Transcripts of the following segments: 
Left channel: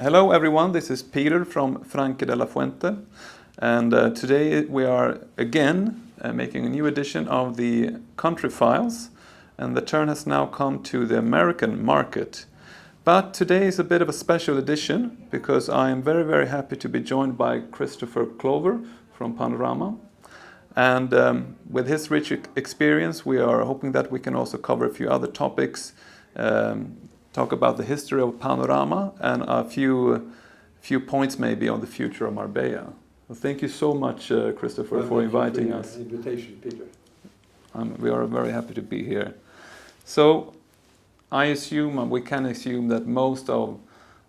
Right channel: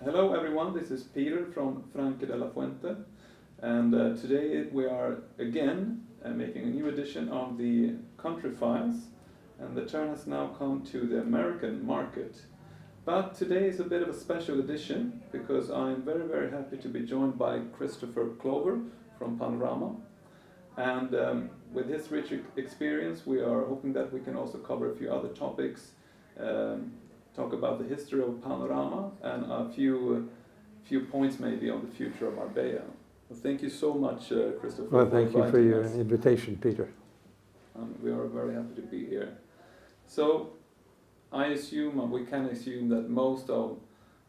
Hello everyone, this is Peter from Franque de la Fuente, and today we are again making a new edition of the Country Files, and the turn has now come to the American market. But today is a bit of a special edition because I am very happy to be joined by Christopher Clover from Panorama, and with his rich experience we are hoping that we can also cover a few other topics, talk about the history of Panorama and a few points maybe on the future of Marbella. Well, thank you so much, Christopher, for inviting us. Thank you for your invitation, Peter. We are very happy to be here. So I assume, we can assume that most of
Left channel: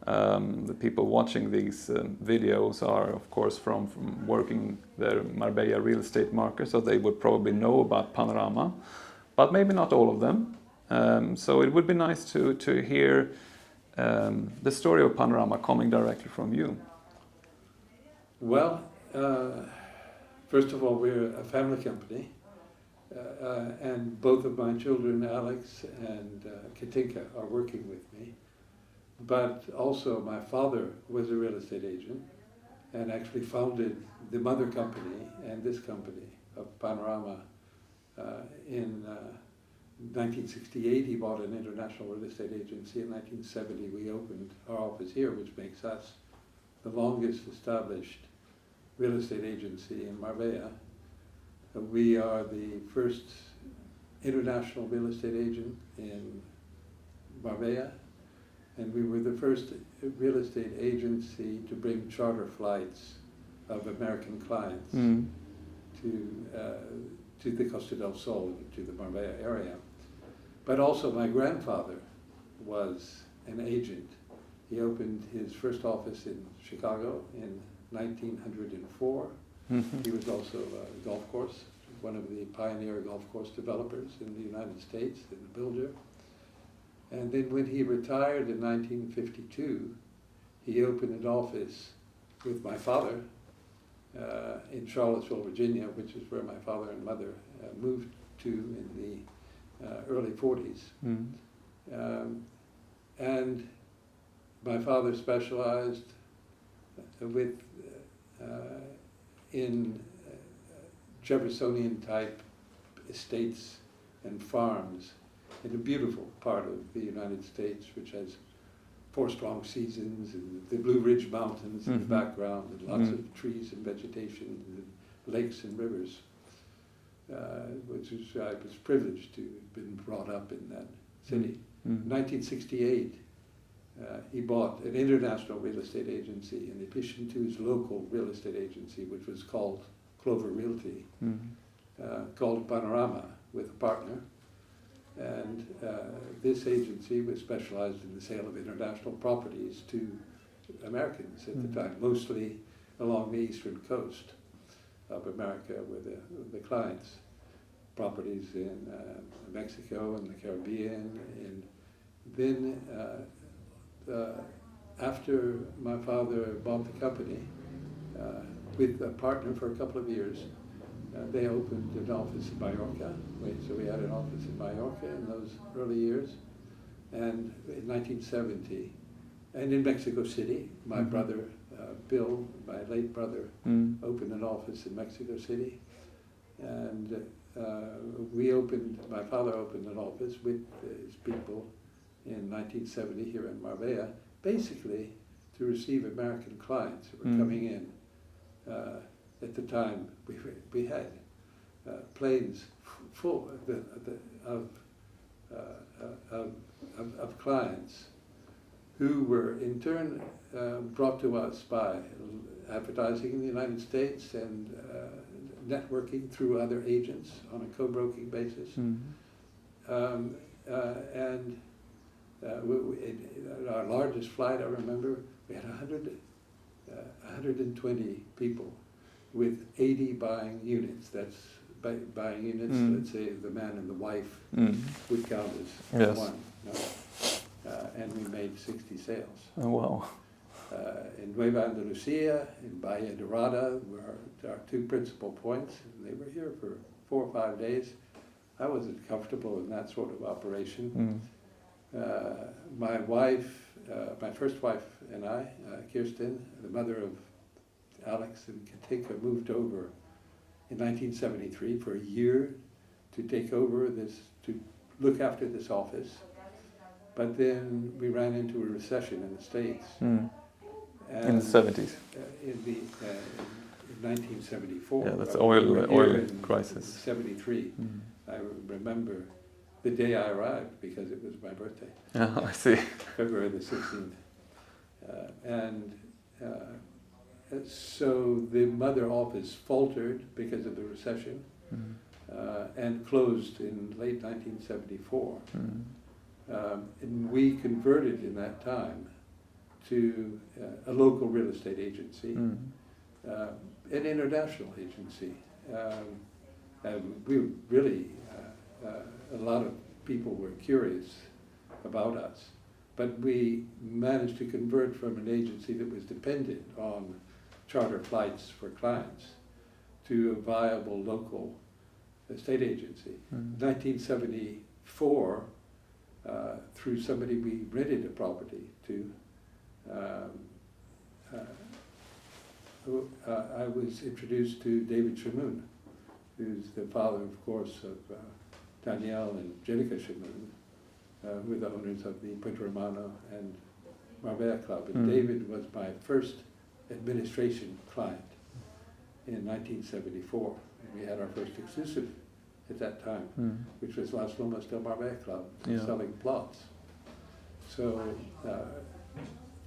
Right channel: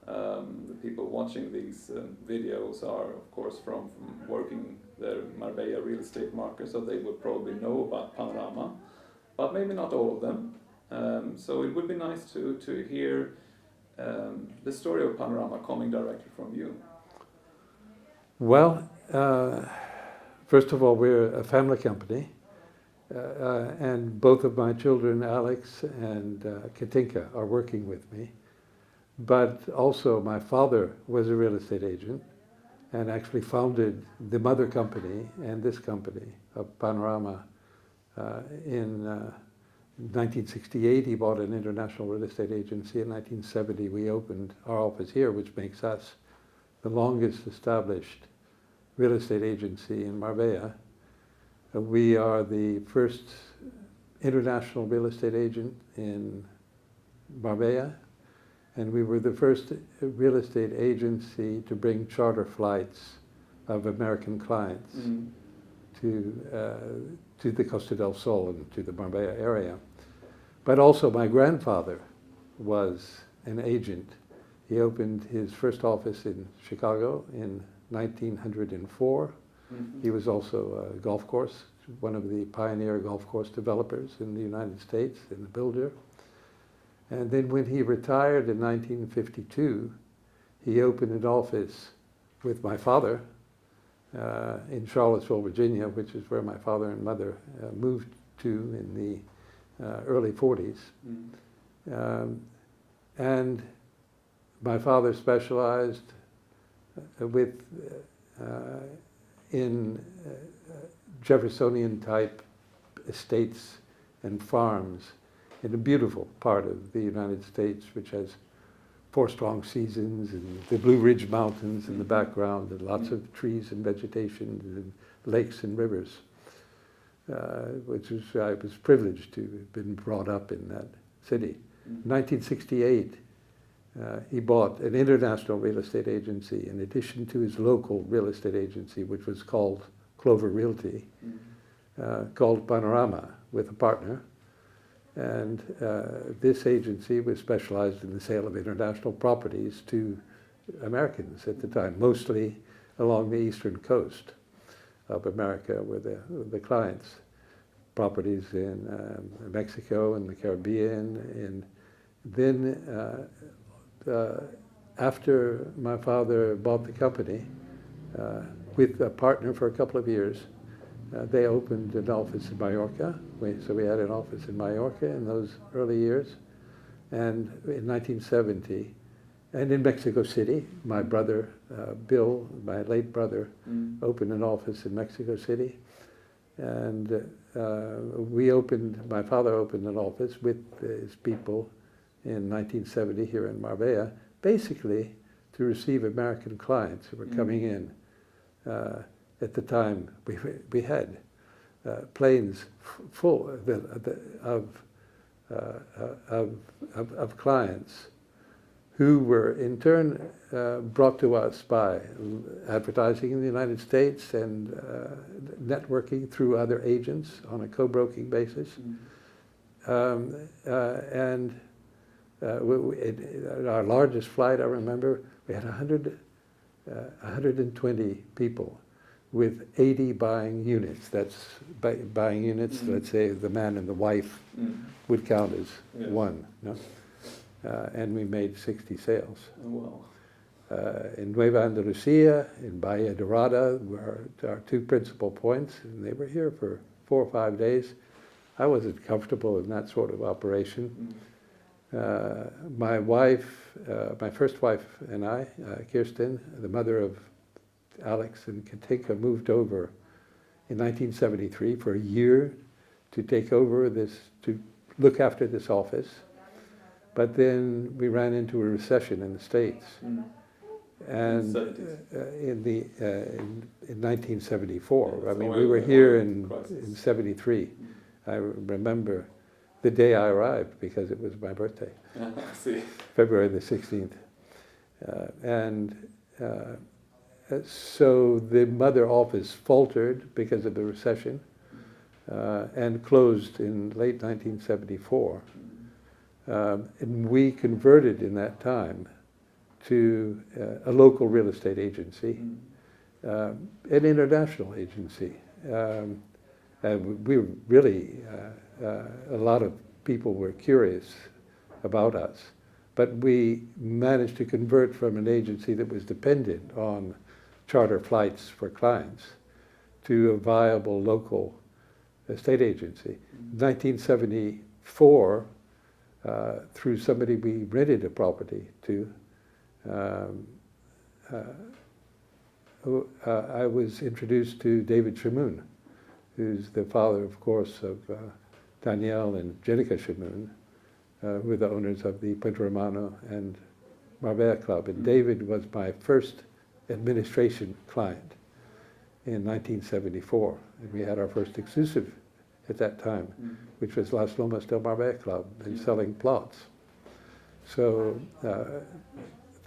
the people watching these videos are, of course, from working the Marbella real estate market, so they would probably know about Panorama, but maybe not all of them. So it would be nice to hear the story of Panorama coming directly from you. Well, first of all, we're a family company, and both of my children, Alex and Katinka, are working with me. But also my father was a real estate agent and actually founded the mother company and this company of Panorama in 1968. He bought an international real estate agency. In 1970 we opened our office here, which makes us the longest established real estate agency in Marbella. We are the first international real estate agent in Marbella, and we were the first real estate agency to bring charter flights of American clients to the Costa del Sol and to the Marbella area. But also my grandfather was an agent. He opened his first office in Chicago in 1904. He was also a golf course, one of the pioneer golf course developers in the United States, and a builder. And then when he retired in 1952, he opened an office with my father in Charlottesville, Virginia, which is where my father and mother moved to in the early 40s. And my father specialized in Jeffersonian type estates and farms in a beautiful part of the United States, which has 4 strong seasons and the Blue Ridge Mountains in the background, and lots of trees and vegetation and lakes and rivers, which was, I was privileged to have been brought up in that city. In 1968, he bought an international real estate agency in addition to his local real estate agency, which was called Clover Realty, called Panorama, with a partner. And this agency was specialized in the sale of international properties to Americans at the time, mostly along the eastern coast of America were the clients. Properties in Mexico and the Caribbean. And then after my father bought the company with a partner for a couple of years, they opened an office in Mallorca. So we had an office in Mallorca in those early years. And in 1970, and in Mexico City, my brother, Bill, my late brother, opened an office in Mexico City. And my father opened an office with his people in 1970 here in Marbella, basically to receive American clients who were coming in. At the time, we had planes full of clients who were in turn brought to us by advertising in the United States and networking through other agents on a co-broking basis. And our largest flight, I remember, we had 120 people with 80 buying units. That's buying units, let's say the man and the wife would count as one. No? And we made 60 sales. Oh, wow. In Nueva, Andalucia, in Bahia Dorada were our 2 principal points, and they were here for 4 or 5 days. I wasn't comfortable in that sort of operation. My wife my first wife and I, Kirsten, the mother of Alex and Katinka, moved over in 1973 for a year to take over this, to look after this office. But then we ran into a recession in the States. Mm. And In the 70s. In 1974. Yeah, that's we were here in crisis. 73. Mm. I remember the day I arrived because it was my birthday. Oh, I see. February the 16th. So the mother office faltered because of the recession and closed in late 1974. And we converted in that time to a local real estate agency, an international agency. And we were really, a lot of people were curious about us. But we managed to convert from an agency that was dependent on charter flights for clients to a viable local estate agency. 1974, through somebody we rented a property to, I was introduced to David Shamoun, who's the father, of course, of Danielle and Jenica Shamoun, who were the owners of the Panorama and Marbella Club. And David was my first administration client in 1974. And we had our first exclusive at that time, which was Las Lomas del Marbella Club, and selling plots. So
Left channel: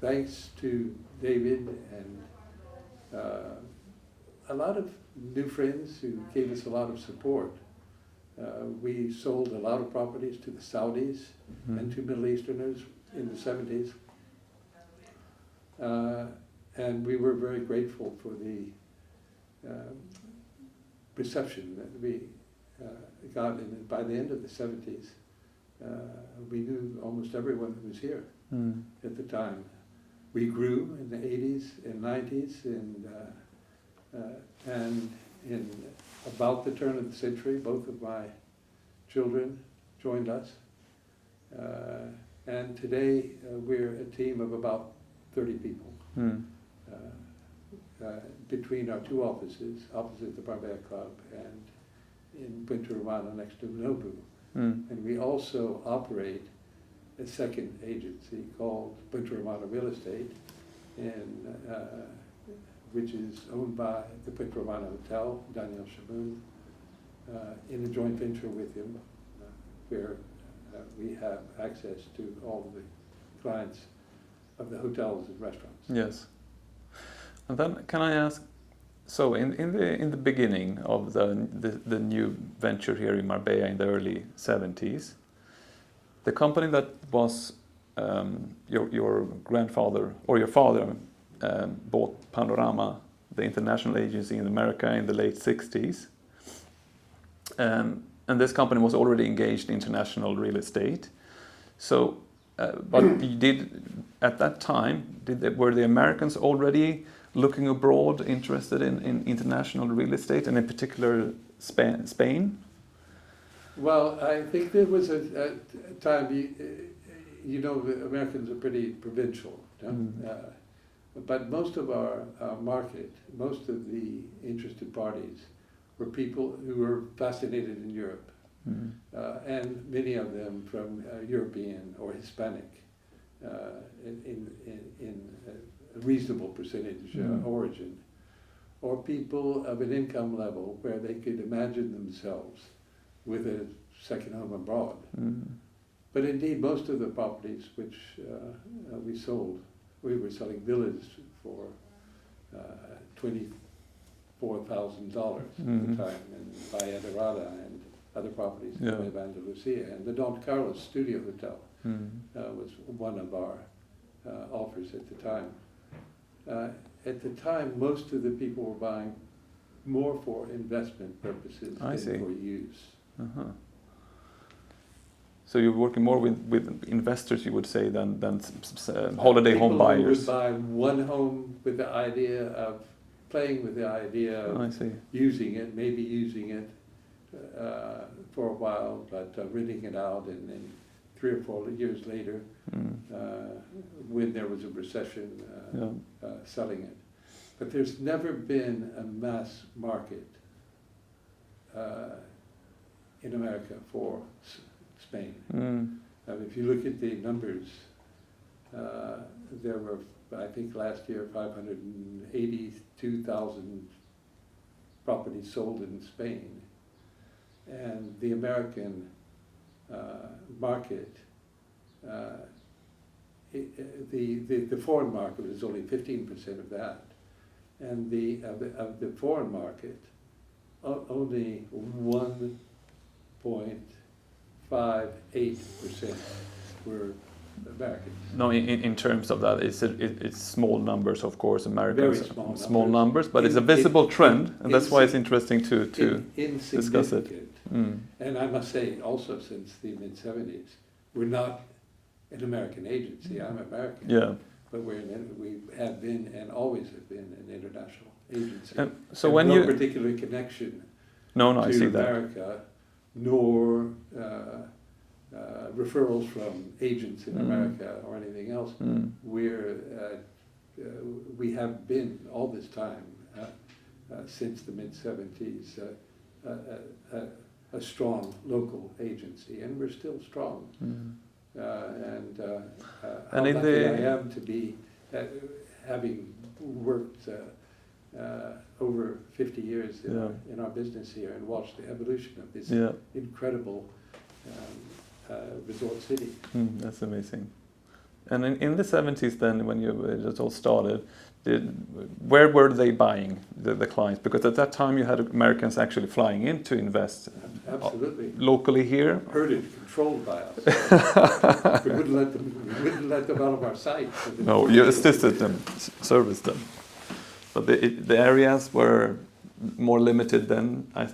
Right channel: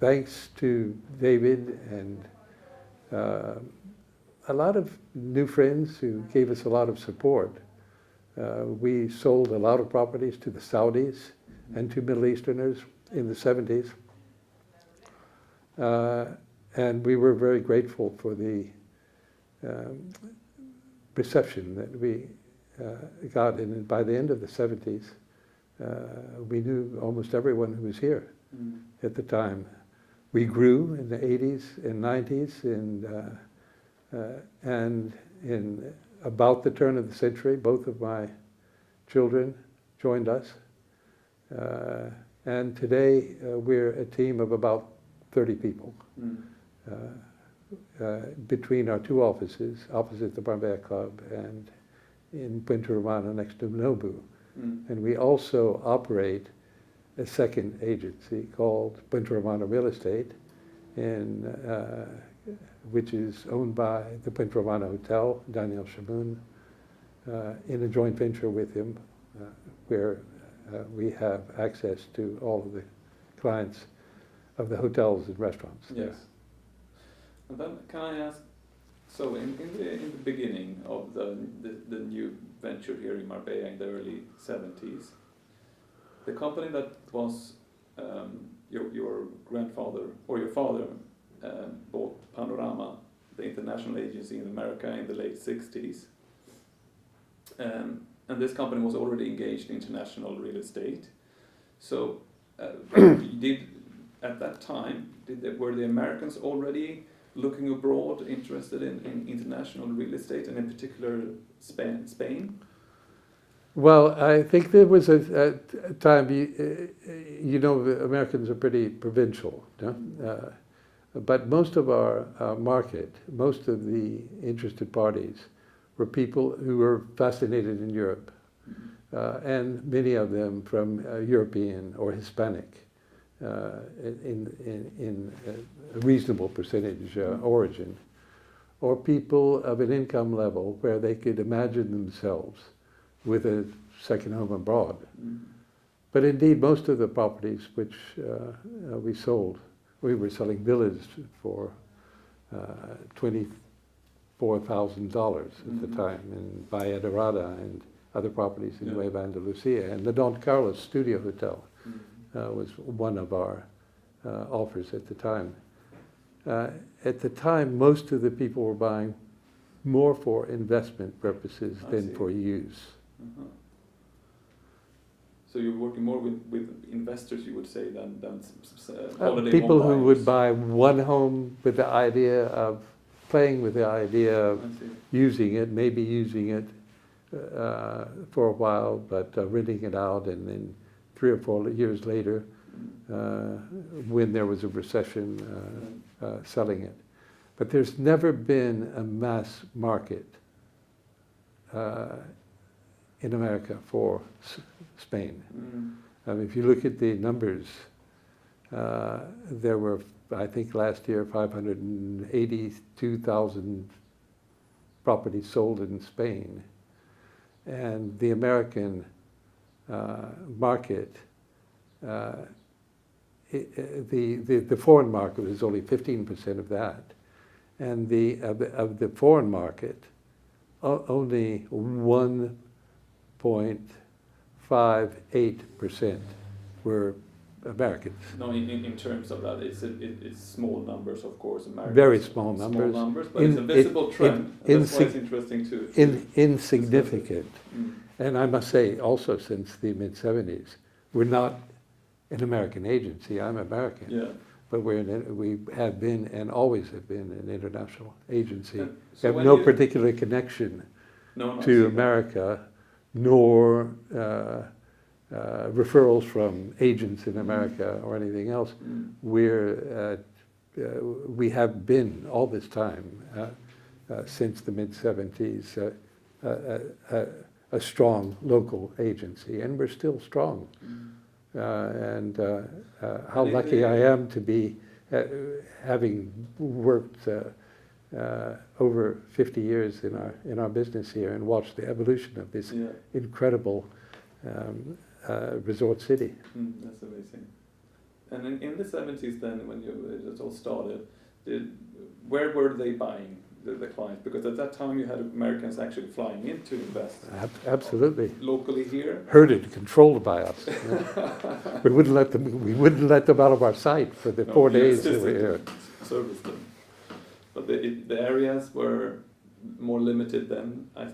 thanks to David and a lot of new friends who gave us a lot of support, we sold a lot of properties to the Saudis and to Middle Easterners in the 70s. And we were very grateful for the reception that we got. And by the end of the 70s, we knew almost everyone who was here at the time. We grew in the 80s and 90s, and in about the turn of the century, both of my children joined us. And today we're a team of about 30 people between our two offices, opposite the Marbella Club and in Punta Romana next to Nobu. And we also operate a second agency called Punta Romana Real Estate, which is owned by the Punta Romana Hotel, Daniel Shamoun, in a joint venture with him, where we have access to all of the clients of the hotels and restaurants. Yes. And then can I ask, so in the beginning of the new venture here in Marbella in the early 70s, the company that was your grandfather or your father bought Panorama, the international agency in America, in the late 60s. And this company was already engaged in international real estate. So, but you did, at that time, were the Americans already looking abroad, interested in international real estate, and in particular Spain? Well, I think there was a time, you know, the Americans are pretty provincial, no? But most of our market, most of the interested parties were people who were fascinated in Europe, and many of them from European or Hispanic, in a reasonable percentage origin, or people of an income level where they could imagine themselves with a second home abroad. But indeed, most of the properties which we sold, we were selling villas for $24,000 at the time in Bahia Dorada and other properties in Nueva, Andalucia. And the Don Carlos Studio Hotel was one of our offers at the time. At the time, most of the people were buying more for investment purposes than for use. So you're working more with investors, you would say, than holiday people home buyers? People who would buy one home with the idea of playing with the idea of using it, maybe using it for a while, but renting it out and then 3 or 4 years later, when there was a recession, selling it. But there's never been a mass market in America for Spain. If you look at the numbers, there were, I think last year, 582,000 properties sold in Spain. And the American market, the foreign market is only 15% of that. And of the foreign market, only 1.58% were Americans. No, in terms of that, it's small numbers, of course, Americans. Very small numbers. But it's a visible trend, and that's why it's interesting to insignificant. And I must say, also since the mid-70s, we're not an American agency. I'm American. Yeah. But we have been and always have been an international agency. And so when no particular connection to America, nor referrals from agents in America or anything else. We have been all this time, since the mid-70s, a strong local agency, and we're still strong. How lucky I am to be having worked over 50 years in our business here and watched the evolution of this incredible resort city. That's amazing. And in the 70s then, when it all started, where were they buying the clients? Because at that time you had Americans actually flying in to invest. Absolutely. Locally here. Herded, controlled by us. We wouldn't let them out of our sight for the 4 days. You assisted them, serviced them. But the areas were more limited then, I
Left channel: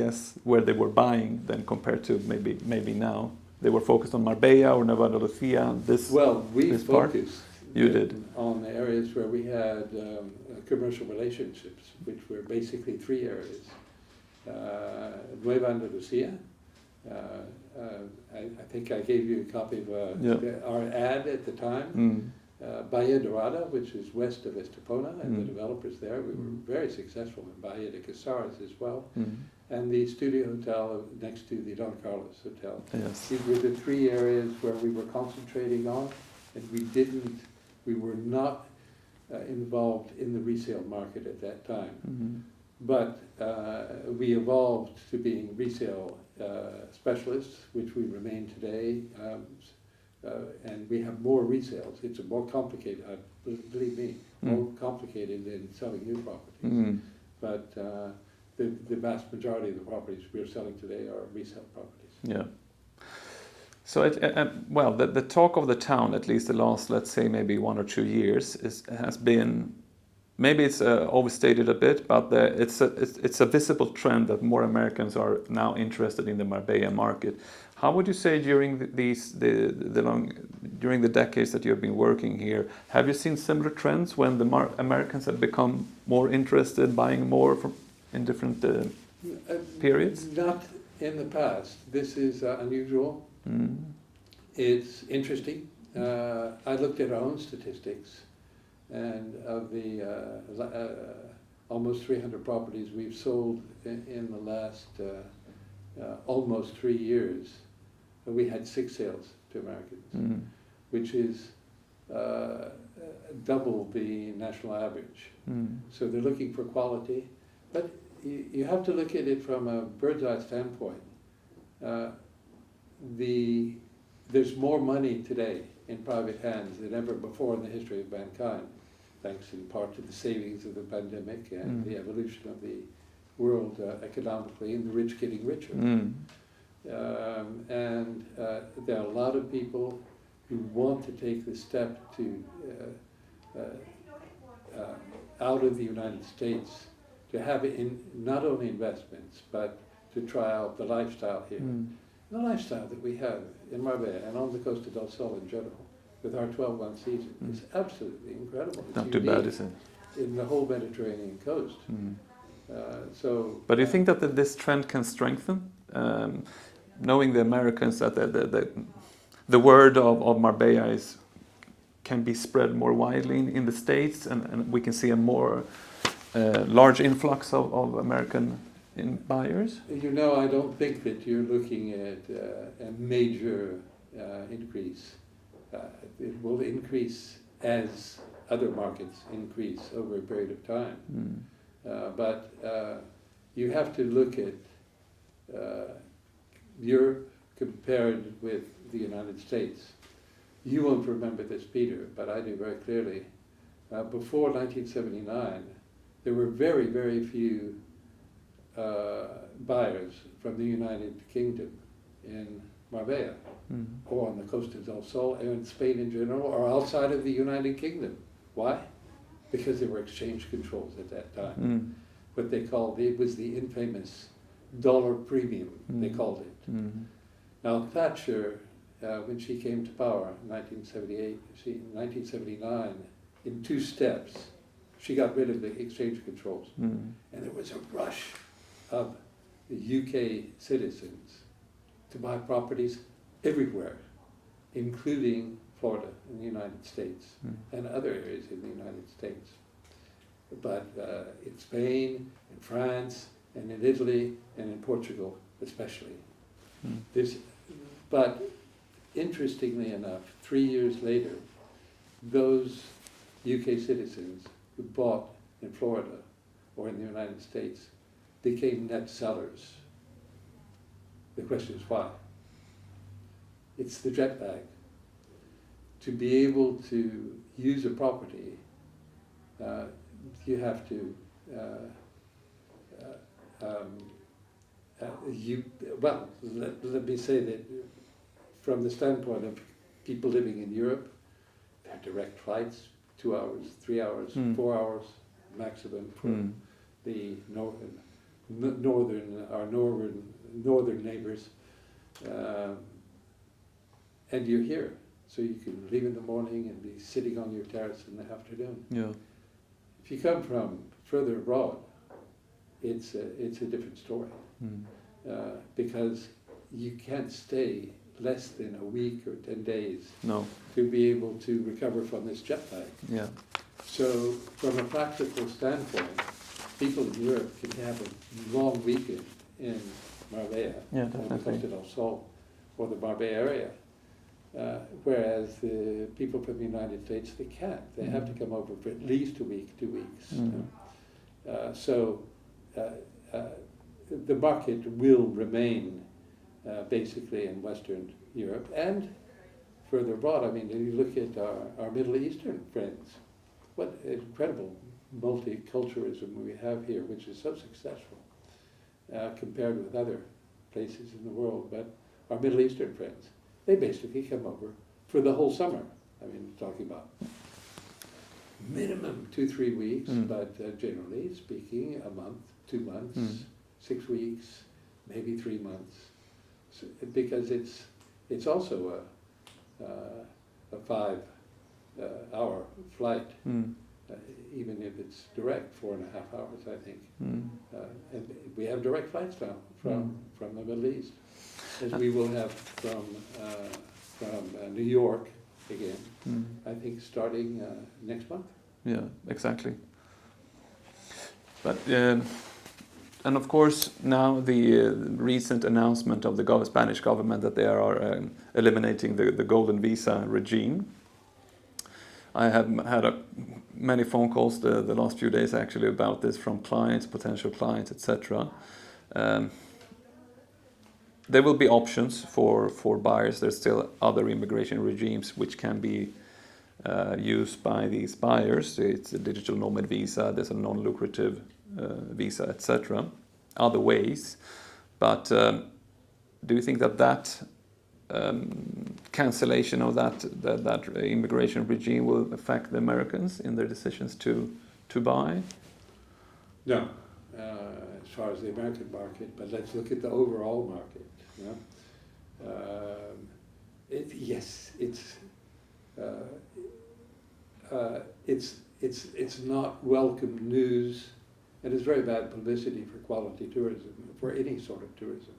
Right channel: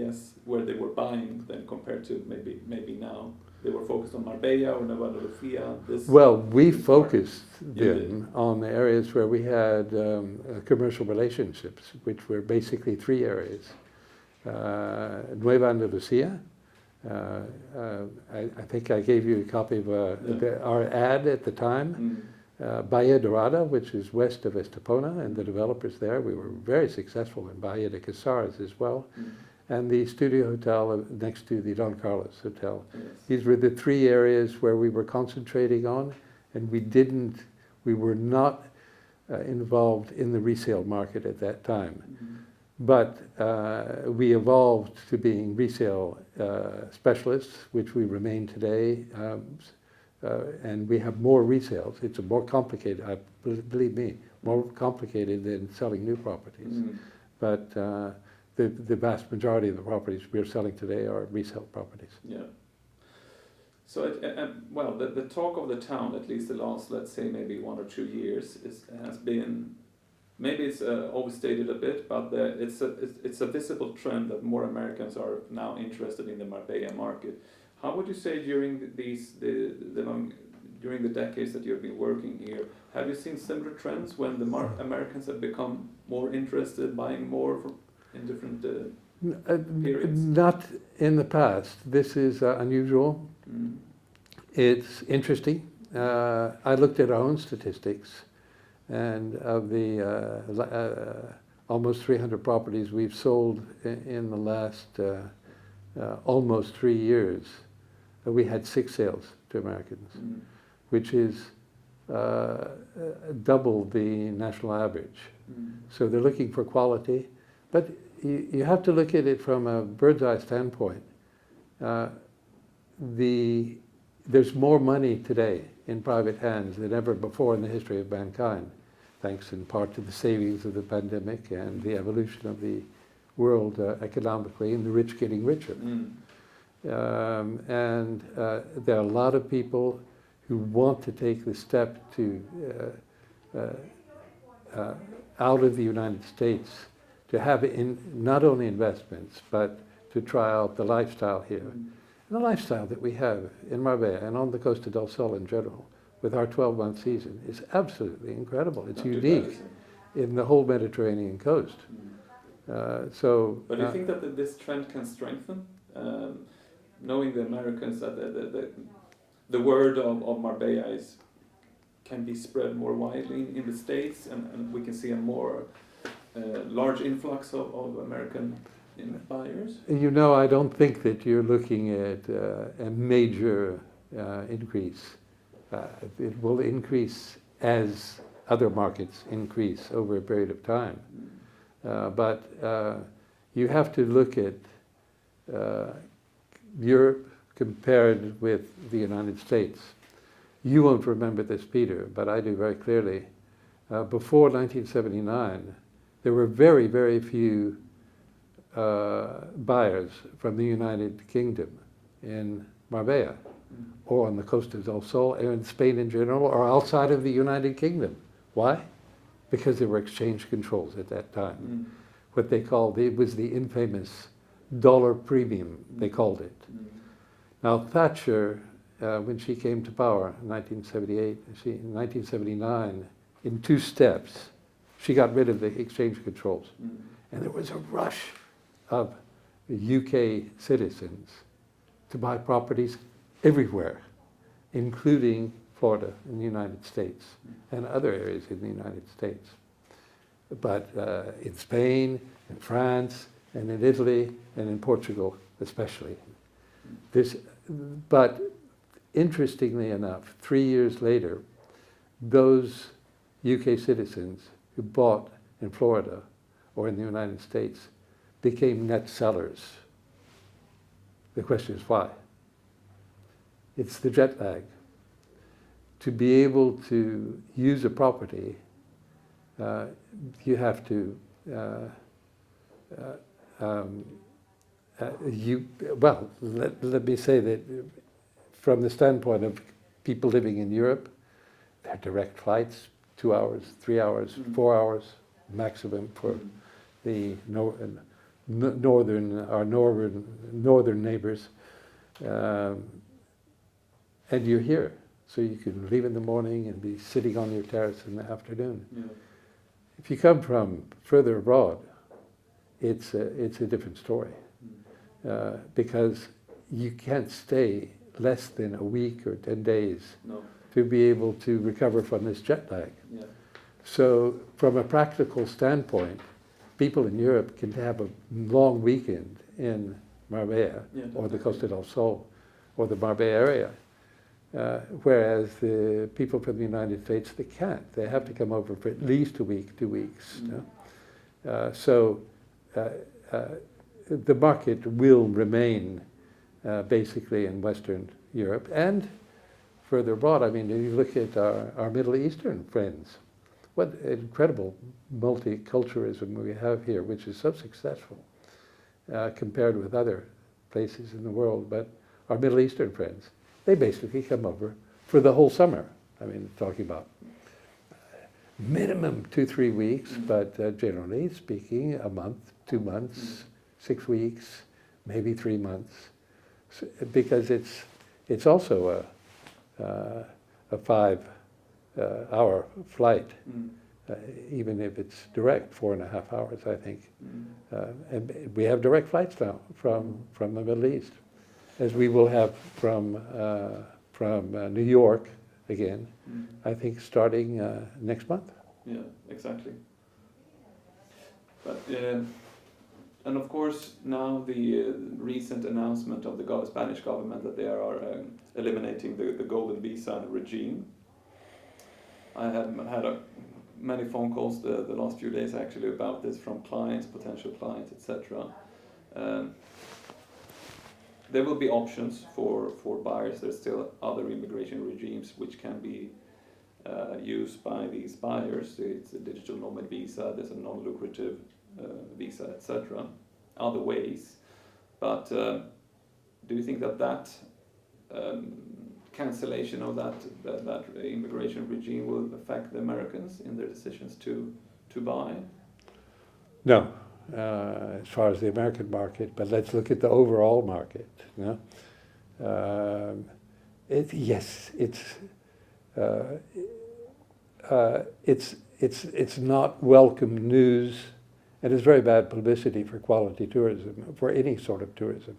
guess, where they were buying than compared to maybe now. They were focused on Marbella or Nueva. Well, we focused on the areas where we had commercial relationships, which were basically 3 areas. Nueva Andalucia. I think I gave you a copy of our ad at the time. Bahia Dorada, which is west of Estepona, and the developers there. We were very successful in Bahia de Casares as well. And the Studio Hotel next to the Don Carlos Hotel. Yes. These were the 3 areas where we were concentrating on, and we were not involved in the resale market at that time. But we evolved to being resale specialists, which we remain today, and we have more resales. It's more complicated, believe me, more complicated than selling new properties. But the vast majority of the properties we're selling today are resale properties. Yeah. So, the talk of the town, at least the last, let's say, maybe 1 or 2 years, has been, maybe it's overstated a bit, but it's a visible trend that more Americans are now interested in the Marbella market. How would you say during during the decades that you've been working here, have you seen similar trends when the Americans have become more interested, buying more in different periods? Not in the past. This is unusual. It's interesting. I looked at our own statistics, and of the almost 300 properties we've sold in the last almost 3 years, we had 6 sales to Americans, which is double the national average. So they're looking for quality. But you have to look at it from a bird's eye standpoint. There's more money today in private hands than ever before in the history of mankind, thanks in part to the savings of the pandemic and the evolution of the world economically, and the rich getting richer. And there are a lot of people who want to take the step to out of the United States, to have not only investments, but to try out the lifestyle here. The lifestyle that we have in Marbella and on the Costa del Sol in general, with our 12-month season, is absolutely incredible. It's Not unique too bad, is it? in the whole Mediterranean coast. But do you think that this trend can strengthen? Knowing the Americans, that the word of Marbella can be spread more widely in the States, and we can see a more large influx of American buyers? You know, I don't think that you're looking at a major increase. It will increase as other markets increase over a period of time. But you have to look at Europe compared with the United States. You won't remember this, Peter, but I do very clearly. Before 1979, there were very, very few buyers from the United Kingdom in Marbella, or on the coast of Del Sol, or in Spain in general, or outside of the United Kingdom. Why? Because there were exchange controls at that time. What they called, it was the infamous dollar premium, they called it. Now Thatcher, when she came to power in 1978, in 1979, in 2 steps, she got rid of the exchange controls. And there was a rush of UK citizens to buy properties everywhere, including Florida in the United States and other areas in the United States. But in Spain, in France, and in Italy, and in Portugal especially. But interestingly enough, 3 years later, those UK citizens who bought in Florida or in the United States became net sellers. The question is why? It's the jet lag. To be able to use a property, you have to, let me say that from the standpoint of people living in Europe, there are direct flights, 2 hours, 3 hours, 4 hours maximum for the northern neighbors, and you're here, so you can leave in the morning and be sitting on your terrace in the afternoon. If you come from further abroad, it's a different story, because you can't stay less than a week or 10 days to be able to recover from this jet lag. So from a practical standpoint, people in Europe can have a long weekend in Marbella or the Costa del Sol or the Marbella area, whereas the people from the United States, they can't. They have to come over for at least a week, 2 weeks. So the market will remain basically in Western Europe and further abroad. I mean, you look at our Middle Eastern friends, what incredible multiculturalism we have here, which is so successful compared with other places in the world. But our Middle Eastern friends, they basically come over for the whole summer. I mean, talking about minimum 2-3 weeks, but generally speaking, a month, 2 months, 6 weeks, maybe 3 months, because it's also a 5-hour flight, even if it's direct, 4.5 hours, I think. And we have direct flights now from the Middle East, as we will have from New York again, I think starting next month. Yeah, exactly. But and of course now the recent announcement of the Spanish government that they are eliminating the golden visa regime. I have had many phone calls the last few days actually about this from clients, potential clients, etc. There will be options for buyers. There's still other immigration regimes which can be used by these buyers. It's a digital nomad visa, there's a non-lucrative visa, etc. Other ways. But do you think that cancellation of that immigration regime will affect the Americans in their decisions to buy? No, as far as the American market, but let's look at the overall market. It's not welcome news, and it's very bad publicity for quality tourism, for any sort of tourism,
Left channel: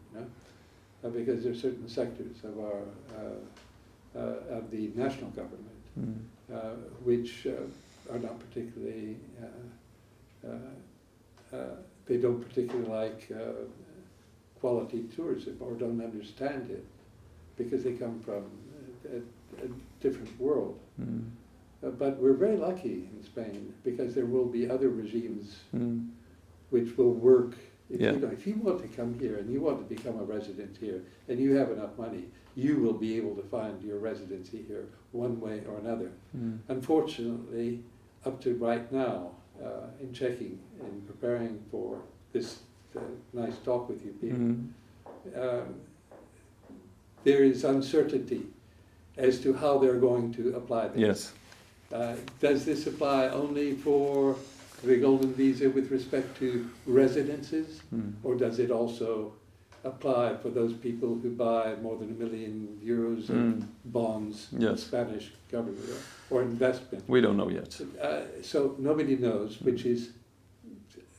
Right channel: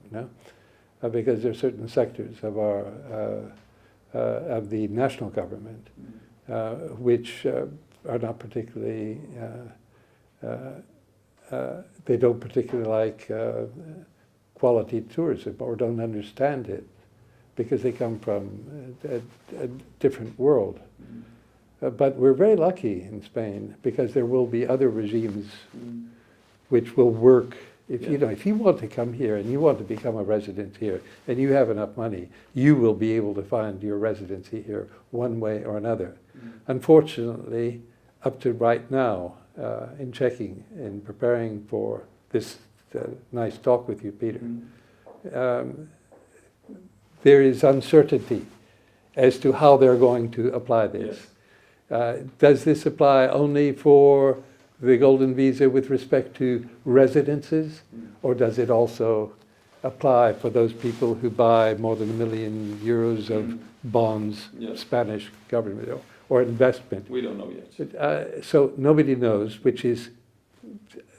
because there are certain sectors of our of the national government, which are not particularly, they don't particularly like quality tourism or don't understand it because they come from a different world. But we're very lucky in Spain because there will be other regimes which will work. If, you know, if you want to come here and you want to become a resident here and you have enough money, you will be able to find your residency here one way or another. Unfortunately, up to right now, in checking and preparing for this nice talk with you, Peter, there is uncertainty as to how they're going to apply this. Does this apply only for the golden visa with respect to residences, or does it also apply for those people who buy more than €1 million of bonds, Spanish government, or investment? We don't know yet. So nobody knows, which is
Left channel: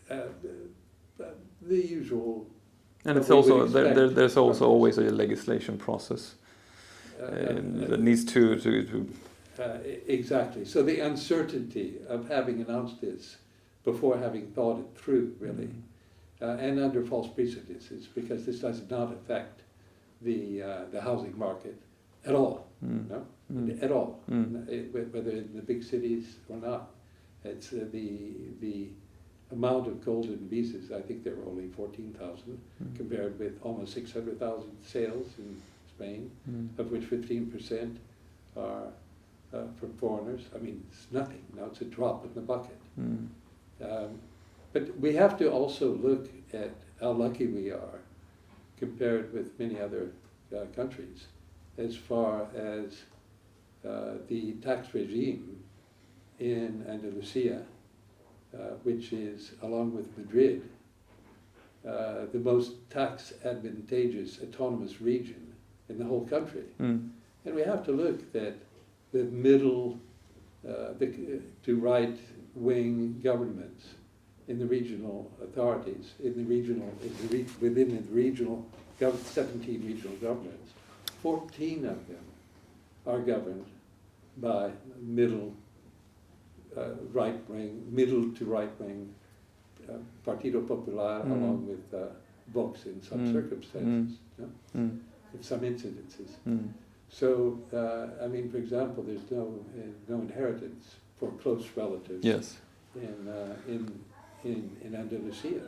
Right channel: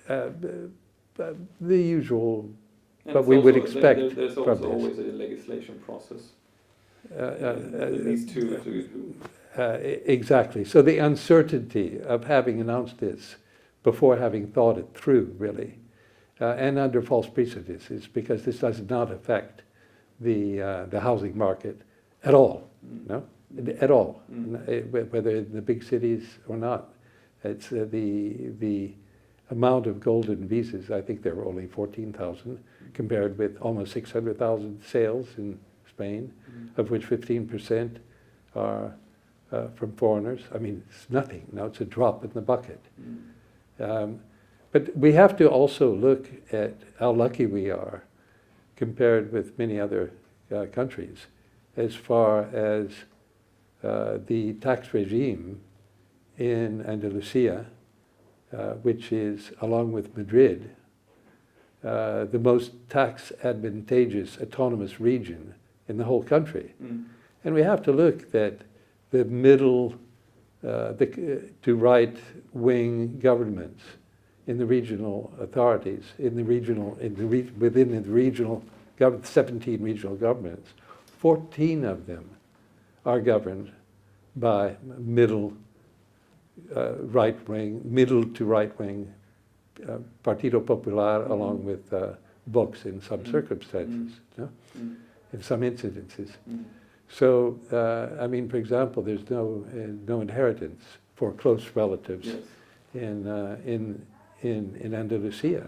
the usual. And what it's we also, would expect there's also from always a legislation process that needs to exactly. So the uncertainty of having announced this before having thought it through, really, and under false prejudices, because this does not affect the housing market at all, no, at all, whether in the big cities or not. It's the amount of golden visas. I think there were only 14,000, compared with almost 600,000 sales in Spain, of which 15% are from foreigners. I mean, it's nothing. Now it's a drop in the bucket. But we have to also look at how lucky we are compared with many other countries as far as the tax regime in Andalucia, which is, along with Madrid, the most tax advantageous autonomous region in the whole country. And we have to look that the middle to right-wing governments in the regional authorities, within the regional 17 regional governments, 14 of them are governed by middle to right-wing Partido Popular, along with Vox in some circumstances, in some incidences. So, I mean, for example, there's no inheritance for close relatives in Andalusia.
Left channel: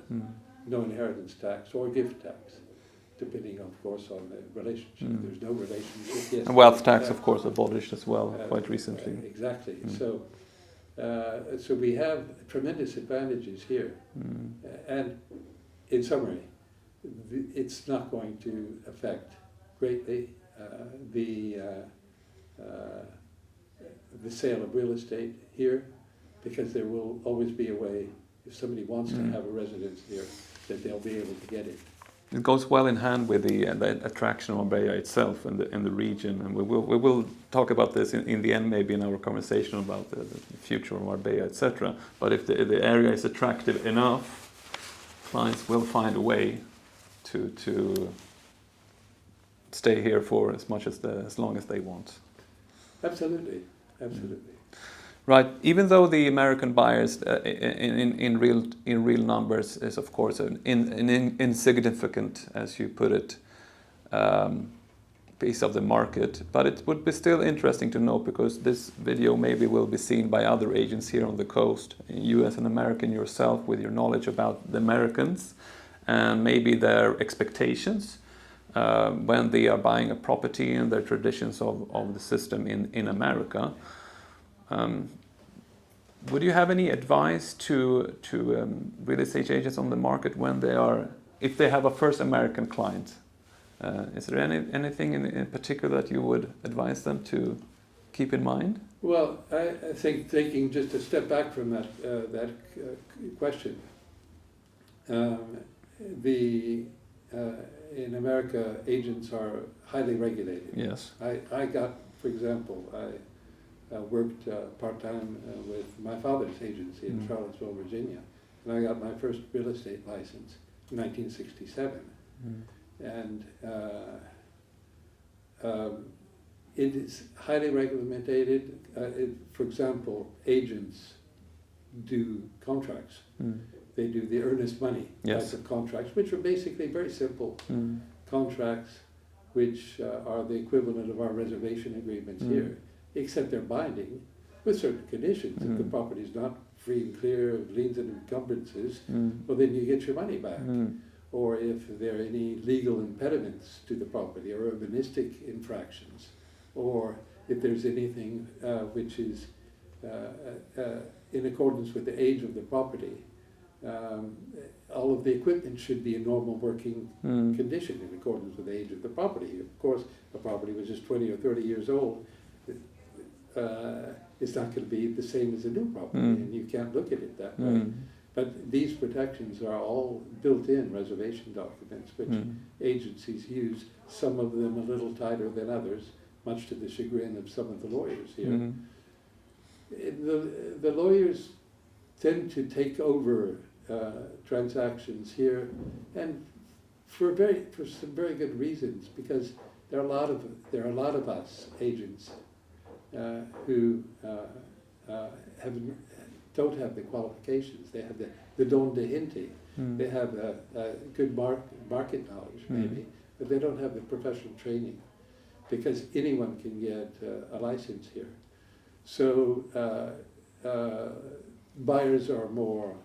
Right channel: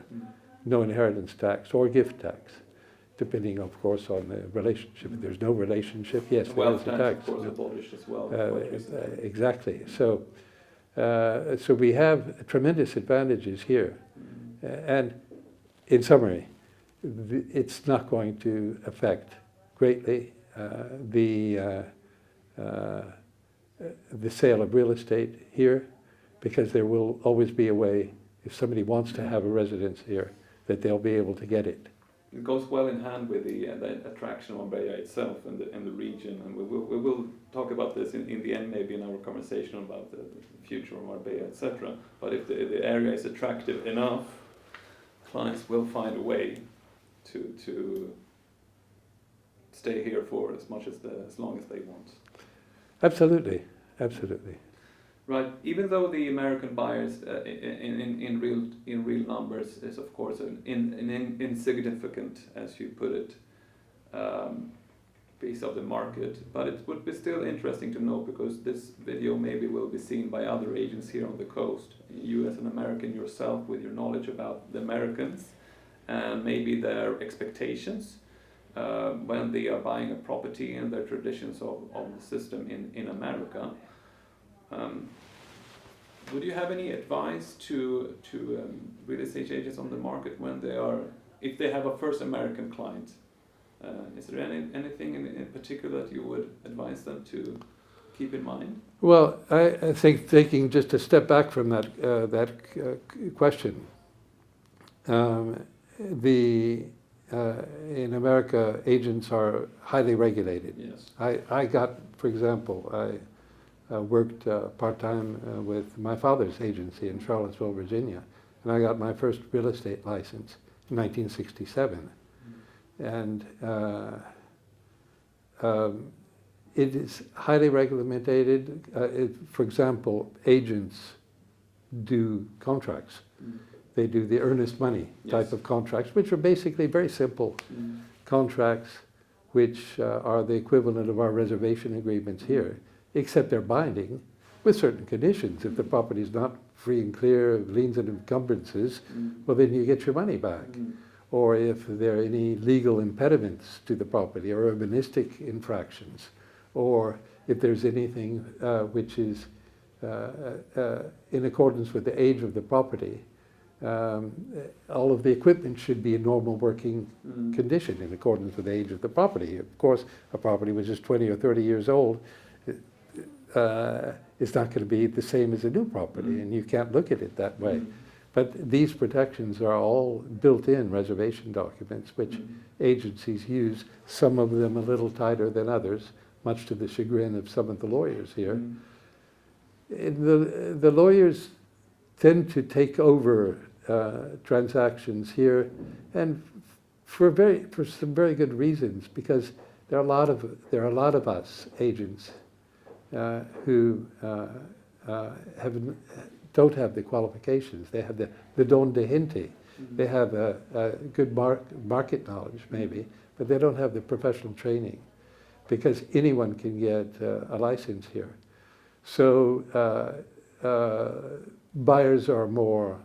No inheritance tax or gift tax, depending, of course, on the relationship. There's no relationship, yes. And wealth tax, of course, abolished as well quite recently. Exactly. So we have tremendous advantages here. And in summary, it's not going to affect greatly the sale of real estate here, because there will always be a way, if somebody wants to have a residence here, that they'll be able to get it. It goes well in hand with the attraction of Marbella itself in the region, and we will talk about this in the end, maybe in our conversation about the future of Marbella, etc. But if the area is attractive enough, clients will find a way to stay here for as long as they want. Absolutely, absolutely. Right. Even though the American buyers in real numbers is, of course, an insignificant, as you put it, piece of the market, but it would be still interesting to know, because this video maybe will be seen by other agents here on the coast. You as an American yourself, with your knowledge about the Americans and maybe their expectations when they are buying a property and their traditions of the system in America. Would you have any advice to real estate agents on the market when if they have a first American client? Is there anything in particular that you would advise them to keep in mind? Well, I think, taking just a step back from that question, in America, agents are highly regulated. Yes. I got, for example, I worked part-time with my father's agency in Charlottesville, Virginia, and I got my first real estate license in 1967. And it is highly regulated. For example, agents do contracts. They do the earnest money type of contracts, which are basically very simple contracts, which are the equivalent of our reservation agreements here, except they're binding with certain conditions. If the property is not free and clear of liens and encumbrances, well, then you get your money back. Or if there are any legal impediments to the property or urbanistic infractions, or if there's anything which is in accordance with the age of the property, all of the equipment should be in normal working condition in accordance with the age of the property. Of course, a property which is 20 or 30 years old is not going to be the same as a new property, and you can't look at it that way. But these protections are all built-in reservation documents, which agencies use, some of them a little tighter than others, much to the chagrin of some of the lawyers here. The lawyers tend to take over transactions here, and for some very good reasons, because there are a lot of us agents who don't have the qualifications. They have the don de gente. They have a good market knowledge maybe, but they don't have the professional training, because anyone can get a license here. So buyers are more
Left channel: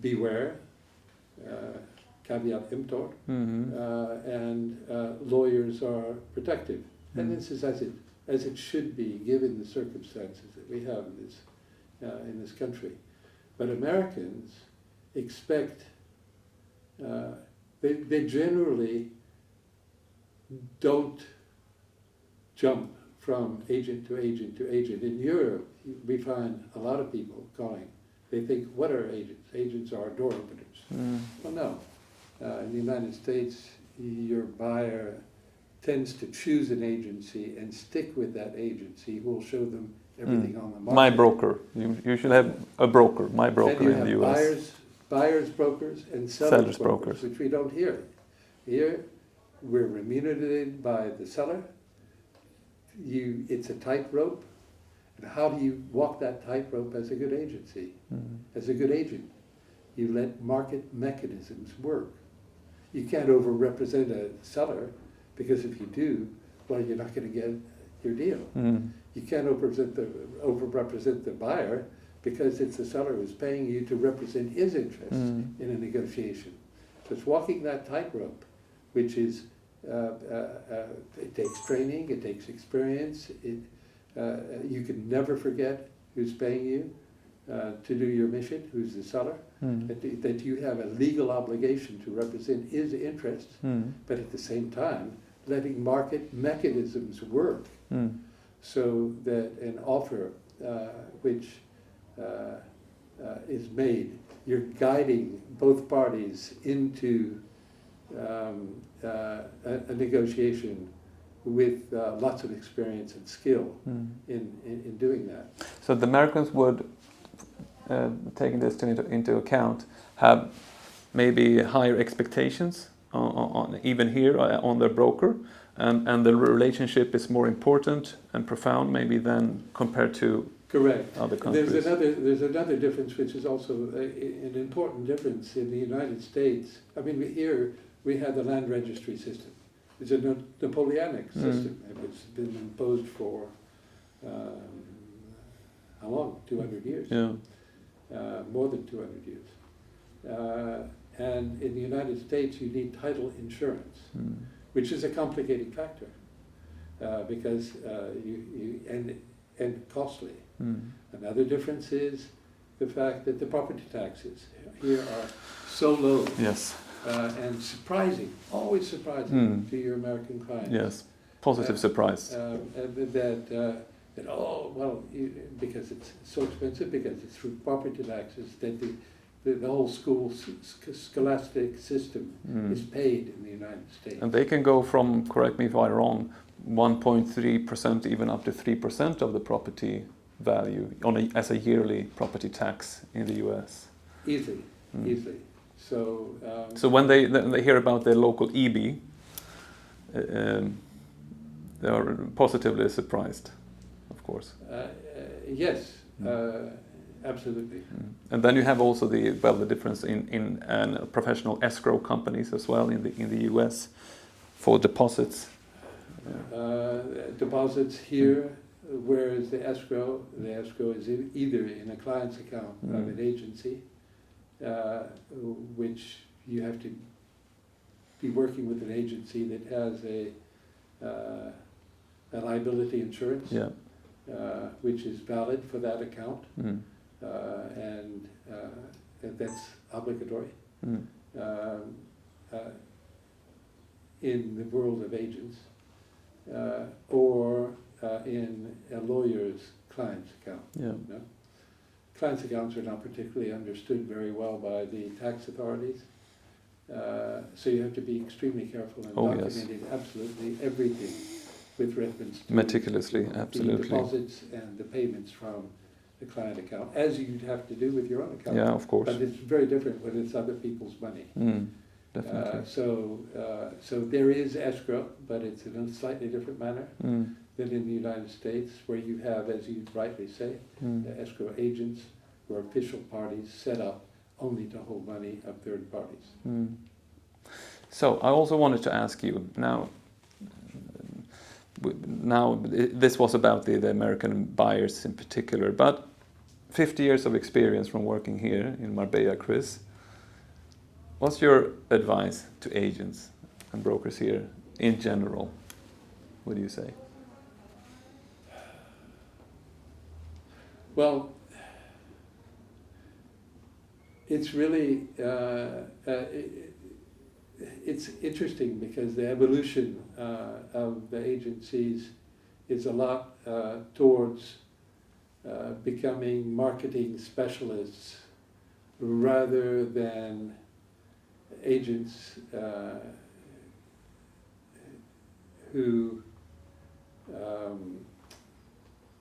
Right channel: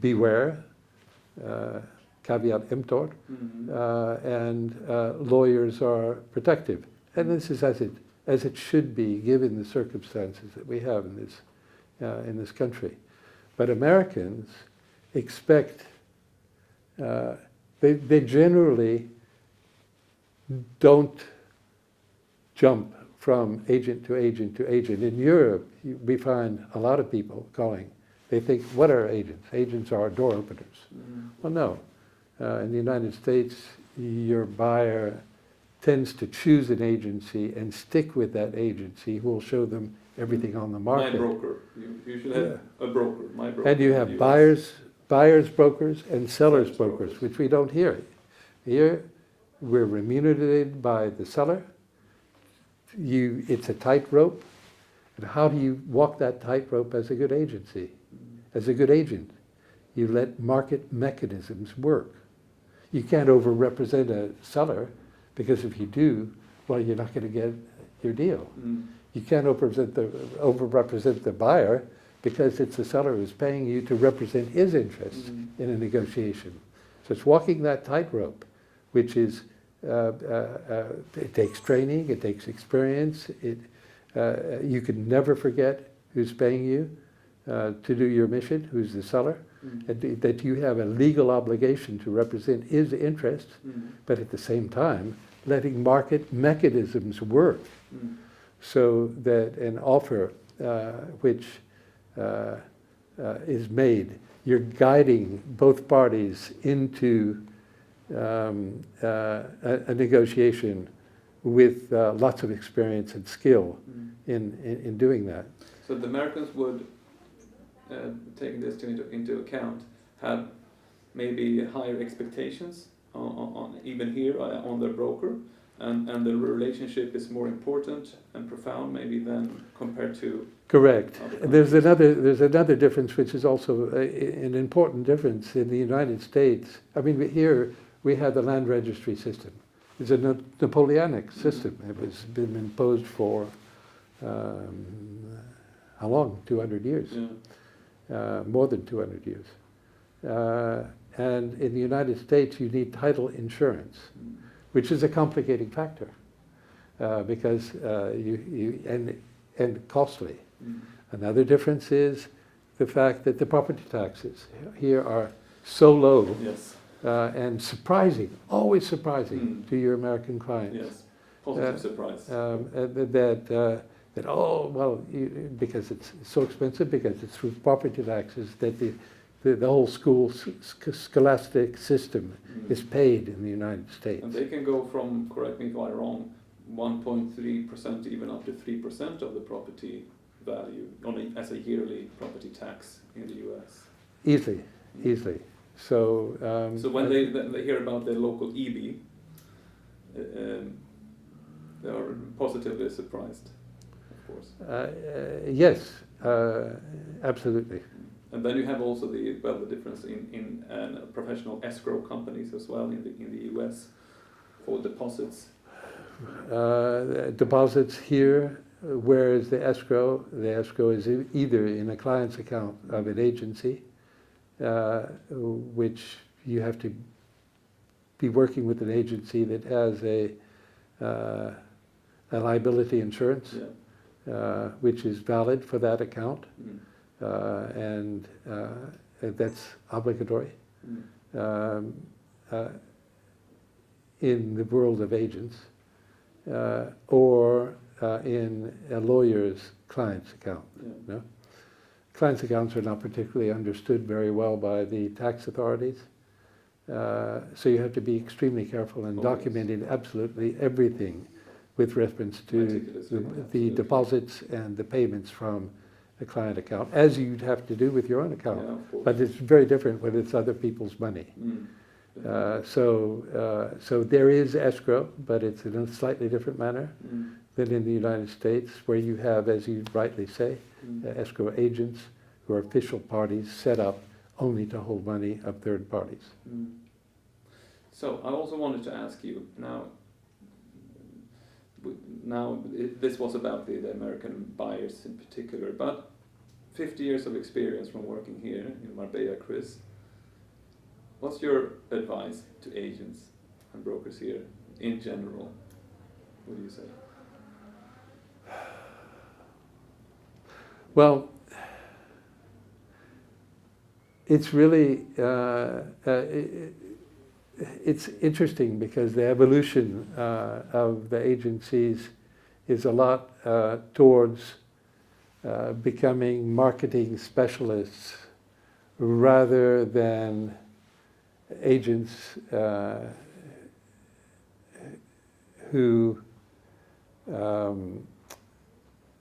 beware, caveat emptor, and lawyers are protective. And this is as it should be, given the circumstances that we have in this country. But Americans expect, they generally don't jump from agent to agent to agent. In Europe, we find a lot of people calling. They think, what are agents? Agents are door openers. Well, no. In the United States, your buyer tends to choose an agency and stick with that agency who will show them everything on the market. My broker. You should have a broker, my broker. And you have buyers brokers and sellers brokers, which we don't hear. Here, we're remunerated by the seller. It's a tightrope. And how do you walk that tightrope as a good agency? As a good agent, you let market mechanisms work. You can't over-represent a seller, because if you do, well, you're not going to get your deal. You can't over-represent the buyer, because it's the seller who's paying you to represent his interests in a negotiation. So it's walking that tightrope, which is, it takes training, it takes experience. You can never forget who's paying you to do your mission, who's the seller, that you have a legal obligation to represent his interests, but at the same time, letting market mechanisms work so that an offer which is made, you're guiding both parties into a negotiation with lots of experience and skill in doing that. So the Americans would, taking this into account, have maybe higher expectations on even here on their broker, and the relationship is more important and profound maybe than compared to correct. other countries. There's another difference, which is also an important difference in the United States. I mean, here we have the land registry system. It's a Napoleonic system. It has been imposed for how long? 200 years. More than 200 years. And in the United States, you need title insurance, which is a complicating factor because and costly. Another difference is the fact that the property taxes here are so low. Yes. And surprising, always surprising to your American clients. Yes, positive surprise. Because it's so expensive, because it's through property taxes that the whole scholastic system is paid in the United States. And they can go from, correct me if I'm wrong, 1.3% even up to 3% of the property value as a yearly property tax in the US. Easily. So when they hear about their local EB, They are positively surprised, of course. Yes, absolutely. And then you have also the difference in professional escrow companies as well in the US for deposits. Deposits here, whereas the escrow is either in a client's account of an agency, which you have to be working with an agency that has a liability insurance, which is valid for that account, and that's obligatory. In the world of agents, or in a lawyer's client's account. No? Client's accounts are not particularly understood very well by the tax authorities, so you have to be extremely careful in documenting absolutely everything with reference to meticulously, the deposits and the payments from a client account, as you'd have to do with your own account. Yeah, of course. But it's very different when it's other people's money. So there is escrow, but it's in a slightly different manner than in the United States, where you have, as you rightly say, escrow agents who are official parties set up only to hold money of third parties. So I also wanted to ask you, now this was about the American buyers in particular, but 50 years of experience from working here in Marbella, Chris. What's your advice to agents and brokers here in general? What do you say? Well, it's really it's interesting because the evolution of the agencies is a lot towards becoming marketing specialists rather than agents who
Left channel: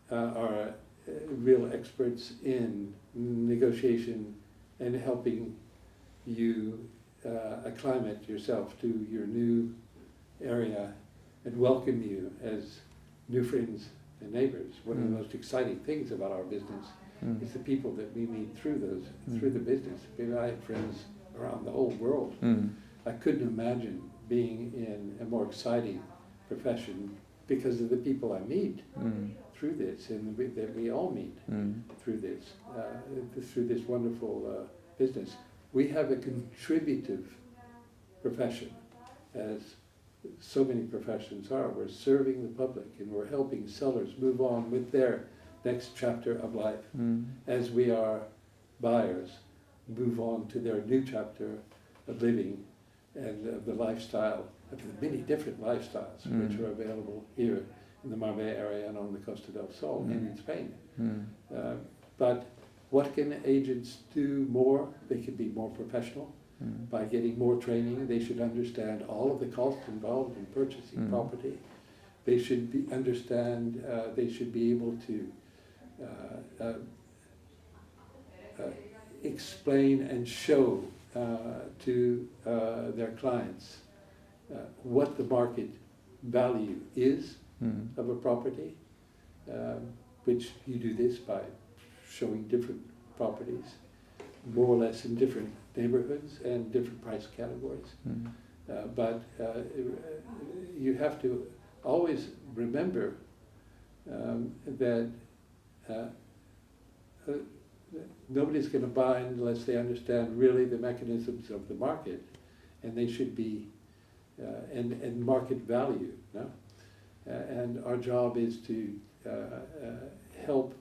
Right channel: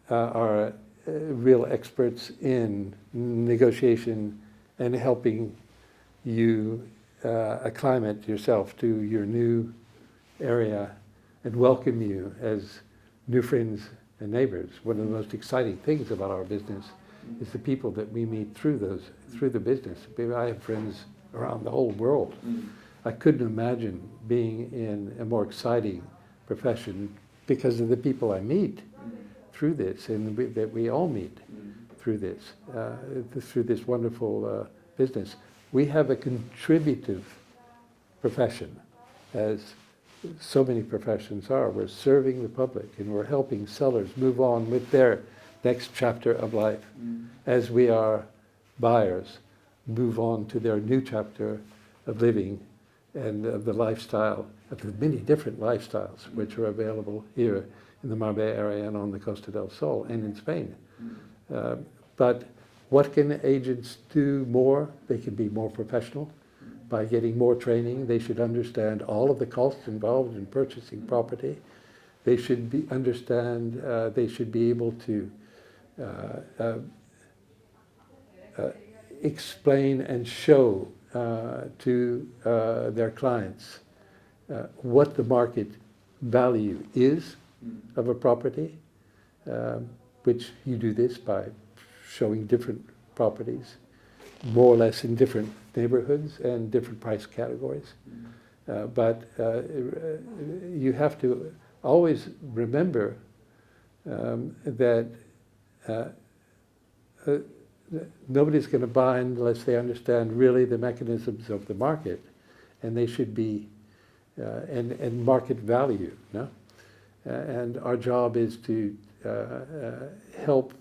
are real experts in negotiation and helping you acclimate yourself to your new area and welcome you as new friends and neighbors. One of the most exciting things about our business is the people that we meet through the business. I have friends around the whole world. I couldn't imagine being in a more exciting profession because of the people I meet through this, and that we all meet through this wonderful business. We have a contributive profession, as so many professions are. We're serving the public and we're helping sellers move on with their next chapter of life, as we are buyers move on to their new chapter of living and of the lifestyle, of the many different lifestyles which are available here in the Marbella area and on the Costa del Sol and in Spain. But what can agents do more? They can be more professional by getting more training. They should understand all of the costs involved in purchasing property. They should they should be able to explain and show to their clients what the market value is of a property, which you do this by showing different properties, more or less in different neighborhoods and different price categories. But you have to always remember that nobody's going to buy unless they understand really the mechanisms of the market, and they should be and market value. No? And our job is to help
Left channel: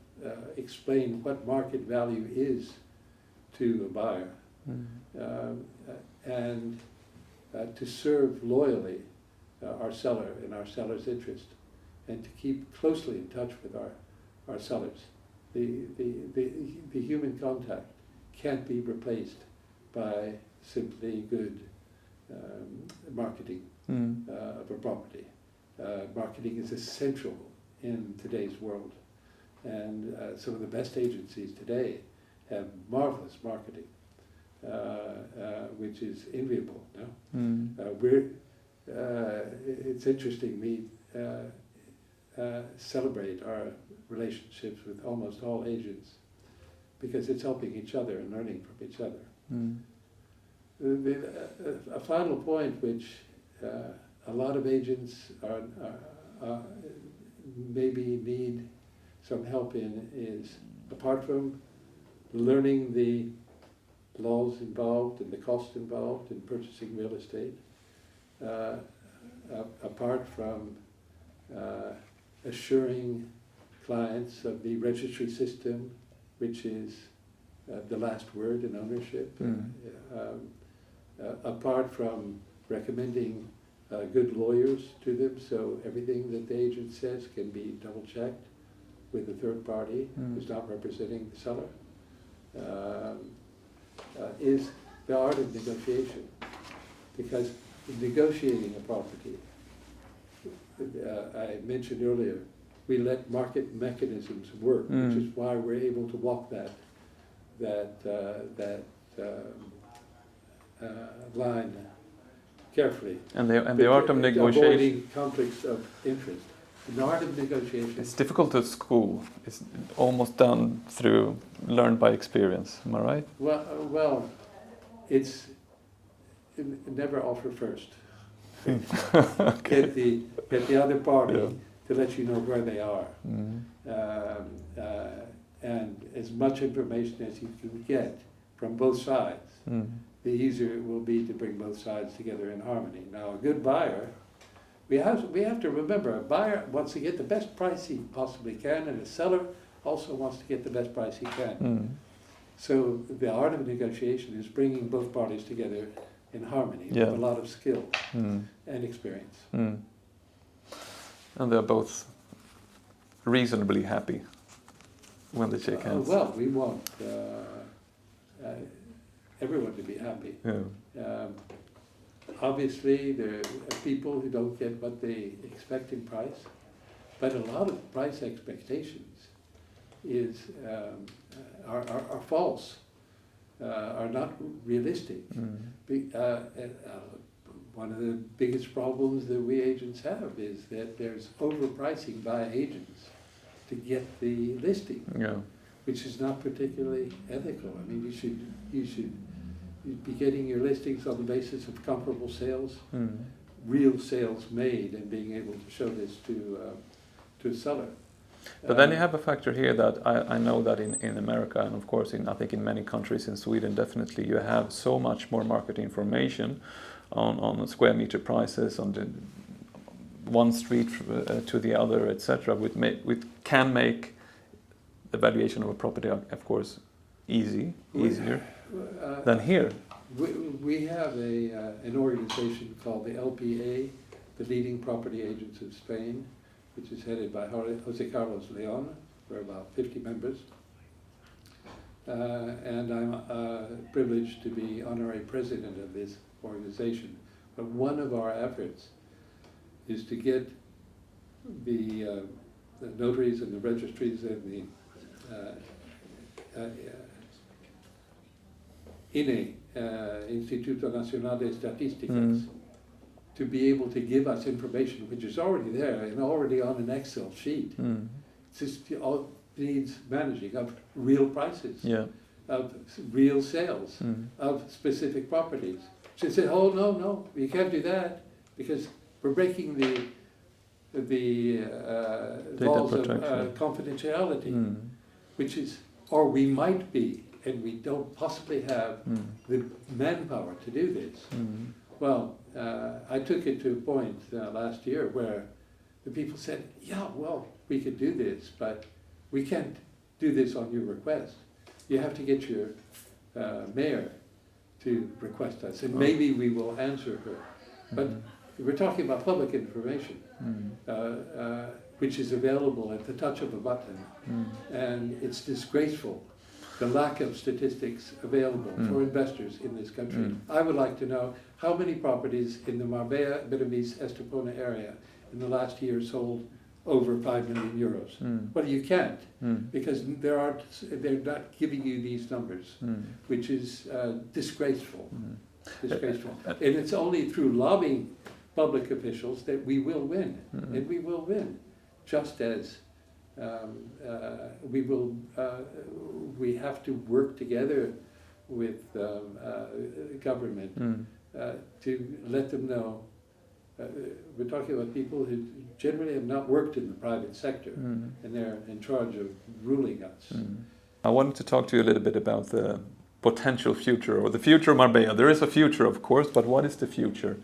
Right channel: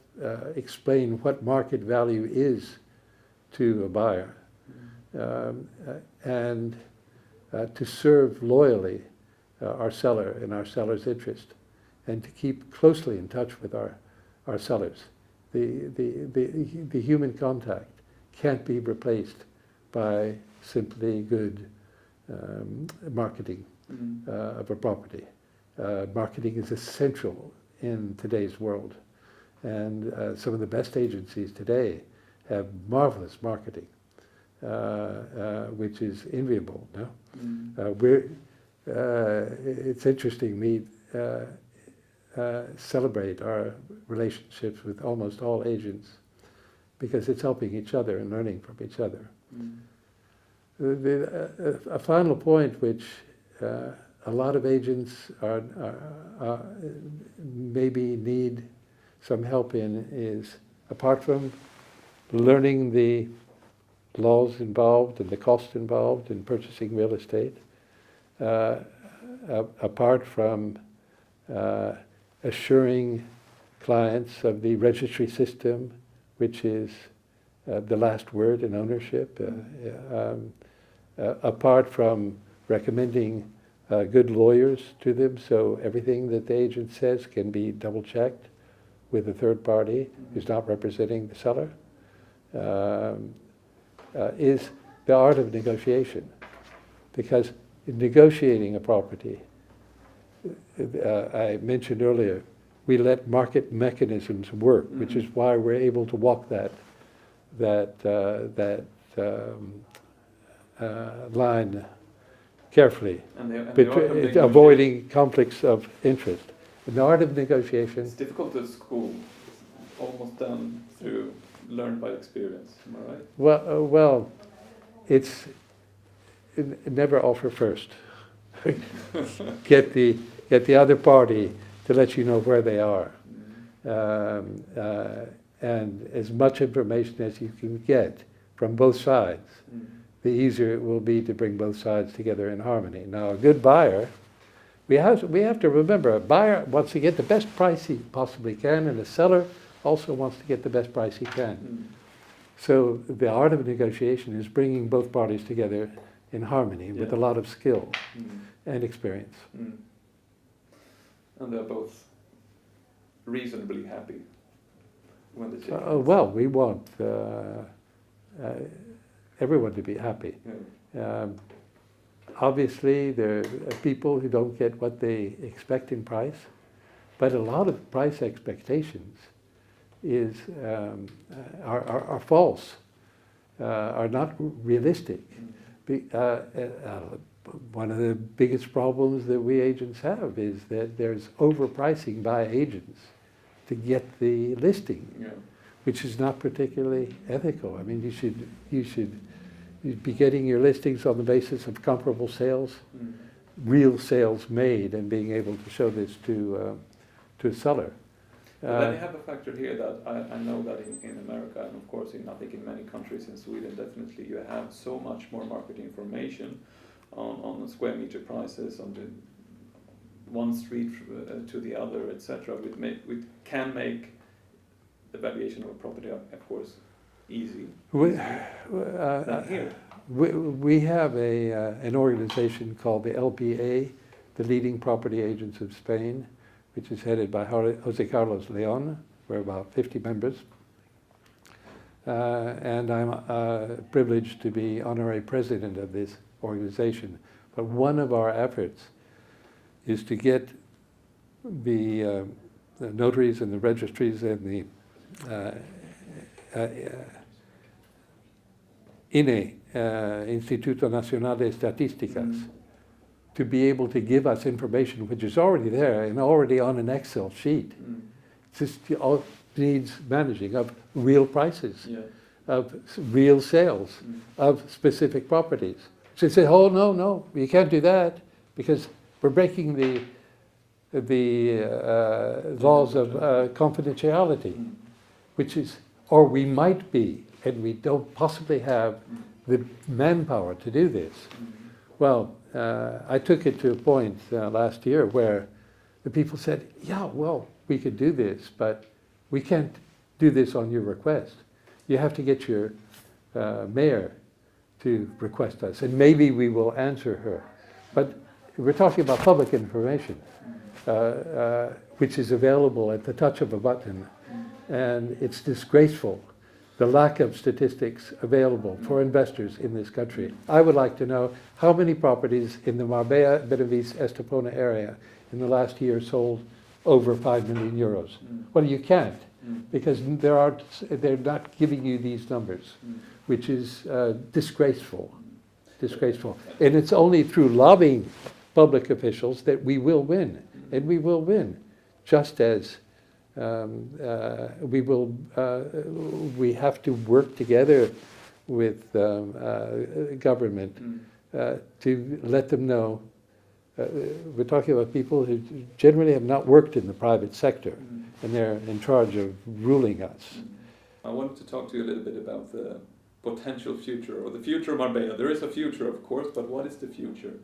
explain what market value is to a buyer, and to serve loyally our seller and our seller's interest, and to keep closely in touch with our sellers. The human contact can't be replaced by simply good marketing of a property. Marketing is essential in today's world, and some of the best agencies today have marvelous marketing, which is enviable. No? It's interesting. celebrate our relationships with almost all agents because it's helping each other and learning from each other. A final point which a lot of agents are maybe need some help in is, apart from learning the laws involved and the cost involved in purchasing real estate, apart from assuring clients of the registry system, which is the last word in ownership, apart from recommending good lawyers to them, so everything that the agent says can be double-checked with a third party who's not representing the seller, is the art of negotiation. Because negotiating a property, I mentioned earlier, we let market mechanisms work, which is why we're able to walk that line carefully. And the art of negotiation. Avoiding conflicts of interest. And the art of negotiation. It's difficult at school. It's almost done through learned by experience. Am I right? Well, it's never offer first. Get the other party to let you know where they are, and as much information as you can get from both sides. The easier it will be to bring both sides together in harmony. Now, a good buyer, we have to remember, a buyer wants to get the best price he possibly can, and a seller also wants to get the best price he can. So the art of negotiation is bringing both parties together in harmony with a lot of skill and experience. And they're both reasonably happy when they shake hands. Well, we want everyone to be happy. Obviously, there are people who don't get what they expect in price, but a lot of price expectations are false, are not realistic. One of the biggest problems that we agents have is that there's overpricing by agents to get the listing, which is not particularly ethical. I mean, you should be getting your listings on the basis of comparable sales, real sales made, and being able to show this to a seller. But then you have a factor here that I know that in America, and of course I think in many countries, in Sweden definitely, you have so much more market information on square meter prices, on the one street to the other, etc., which can make the valuation of a property, of course, easier than here. We have an organization called the LPA, the Leading Property Agents of Spain, which is headed by Jose Carlos Leon. We're about 50 members. And I'm privileged to be honorary president of this organization. But one of our efforts is to get the notaries and the registries and the INE, Instituto Nacional de Estadísticas, to be able to give us information which is already there and already on an Excel sheet. It just all needs managing of real prices, of real sales, of specific properties. So they say, oh, no, you can't do that because we're breaking the laws of confidentiality, which is, or we might be, and we don't possibly have the manpower to do this. Well, I took it to a point last year where the people said, yeah, well, we could do this, but we can't do this on your request. You have to get your mayor to request us, and maybe we will answer her. But we're talking about public information, which is available at the touch of a button, and it's disgraceful, the lack of statistics available for investors in this country. I would like to know how many properties in the Marbella, Benavides, Estepona area in the last year sold over 5 million euros. Well, you can't, because they're not giving you these numbers, which is disgraceful. Disgraceful. And it's only through lobbying public officials that we will win, and we will win. just as we have to work together with government to let them know. We're talking about people who generally have not worked in the private sector, and they're in charge of ruling us. I wanted to talk to you a little bit about the potential future, or the future of Marbella. There is a future, of course, but what is the future?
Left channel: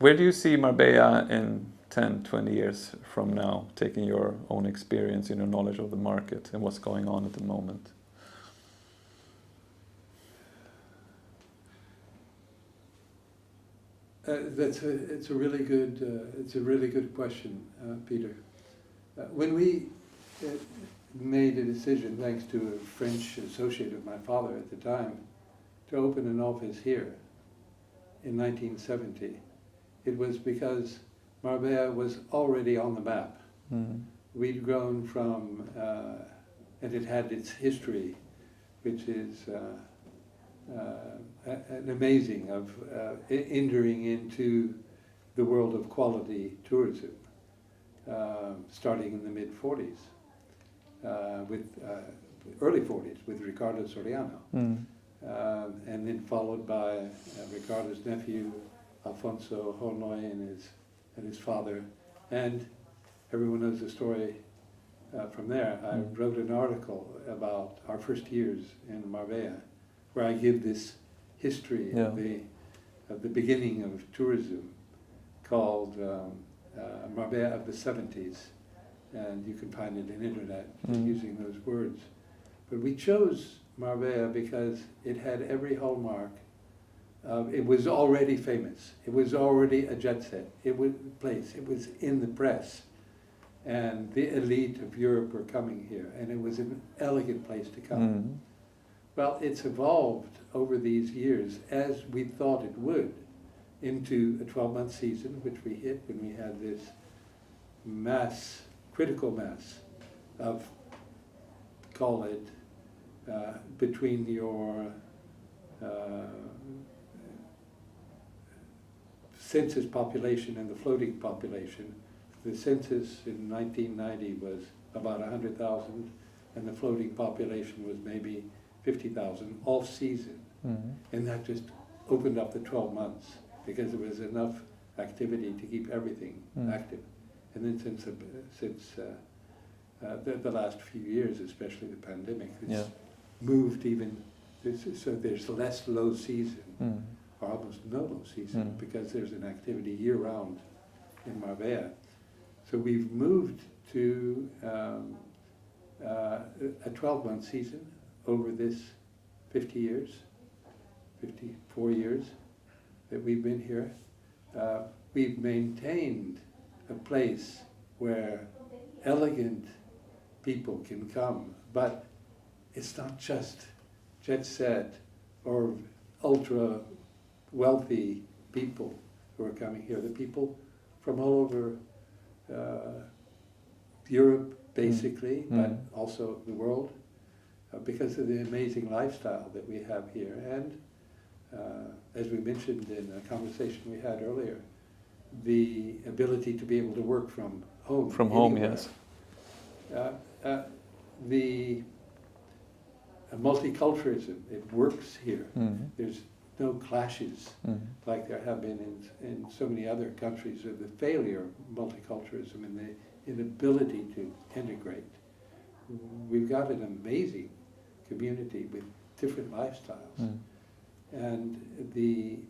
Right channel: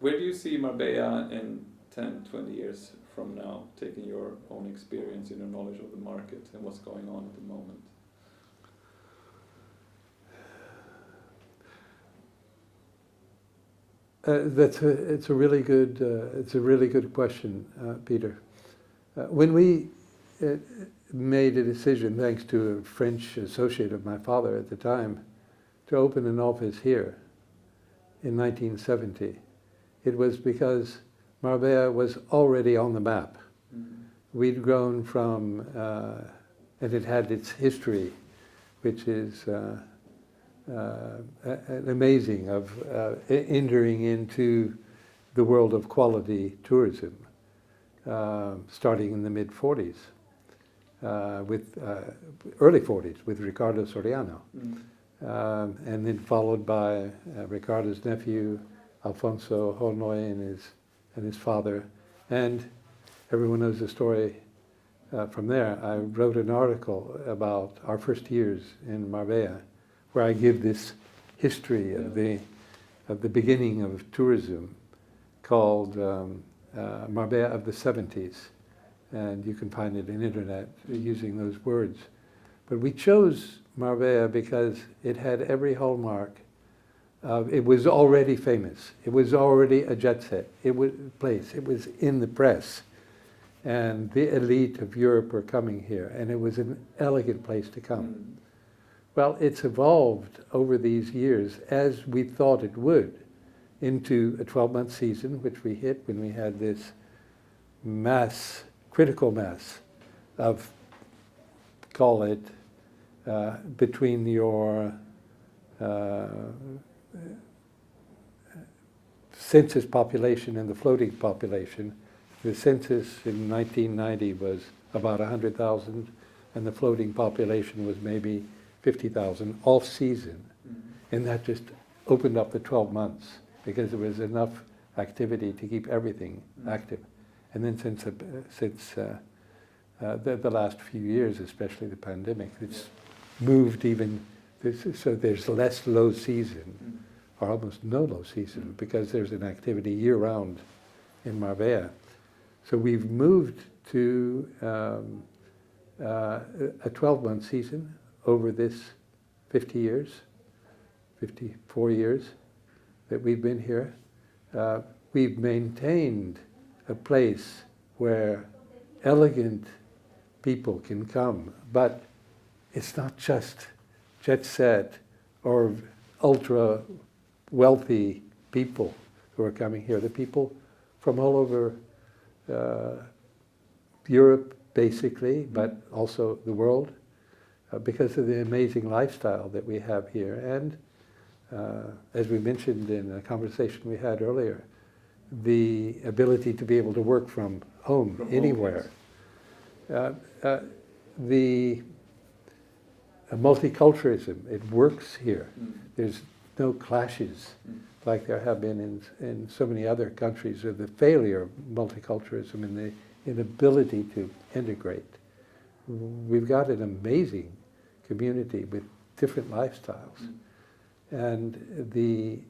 Where do you see Marbella in 10, 20 years from now, taking your own experience and your knowledge of the market and what's going on at the moment? It's a really good question, Peter. When we made a decision, thanks to a French associate of my father at the time, to open an office here in 1970, it was because Marbella was already on the map. We'd grown from, and it had its history, which is an amazing of entering into the world of quality tourism, starting in the mid-40s, with early 40s with Ricardo Soriano, and then followed by Ricardo's nephew, Alfonso Holnoy, and his father, and everyone knows the story from there. I wrote an article about our first years in Marbella, where I give this history of the beginning of tourism, called Marbella of the 70s, and you can find it in internet using those words. But we chose Marbella because it had every hallmark of, it was already famous, it was already a jet set, it was in the press, and the elite of Europe were coming here, and it was an elegant place to come. Well, it's evolved over these years, as we thought it would, into a 12-month season, which we hit when we had this critical mass of, call it, between your census population and the floating population. The census in 1990 was about 100,000, and the floating population was maybe 50,000 off-season, and that just opened up the 12 months because there was enough activity to keep everything active. And then since the last few years, especially the pandemic, it's moved even, so there's less low season, or almost no low season, because there's an activity year-round in Marbella. So we've moved to a 12-month season over this 54 years that we've been here. We've maintained a place where elegant people can come, but it's not just jet set or ultra wealthy people who are coming here. The people from all over Europe, basically, but also the world, because of the amazing lifestyle that we have here. And as we mentioned in a conversation we had earlier, the ability to be able to work from home, anywhere. The multiculturalism, it works here. There's no clashes like there have been in so many other countries, of the failure of multiculturalism and the inability to integrate. We've got an amazing community with different lifestyles, and the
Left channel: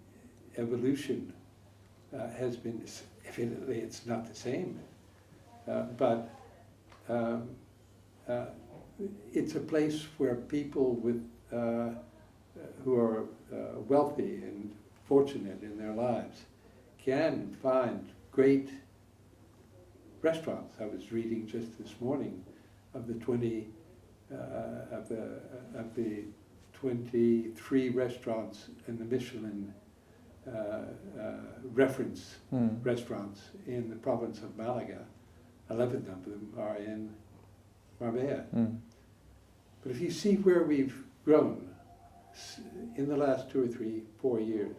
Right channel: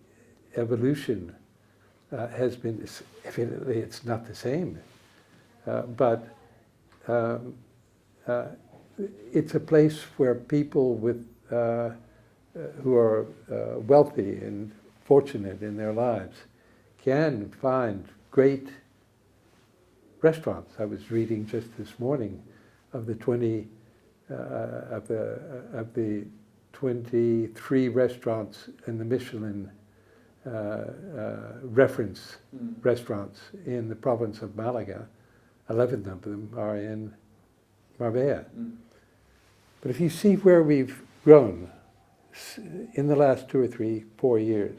evolution has been, evidently it's not the same, but it's a place where people with who are wealthy and fortunate in their lives can find great restaurants. I was reading just this morning of the 23 restaurants in the Michelin reference restaurants in the province of Málaga. 11 of them are in Marbella. But if you see where we've grown in the last 2 or 3, 4 years,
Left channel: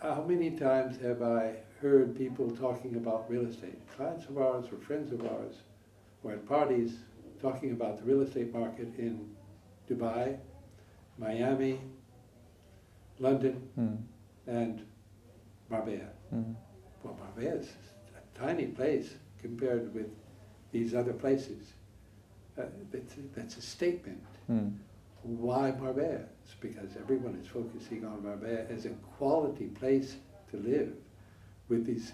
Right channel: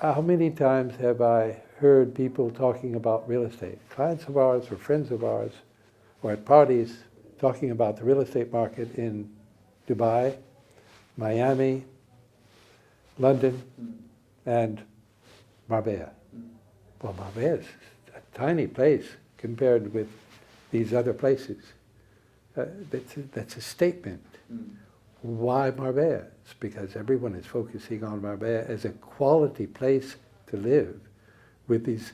how many times have I heard people talking about real estate, clients of ours or friends of ours, or at parties talking about the real estate market in Dubai, Miami, London, and Marbella. Well, Marbella is a tiny place compared with these other places. That's a statement. Why Marbella? It's because everyone is focusing on Marbella as a quality place to live with these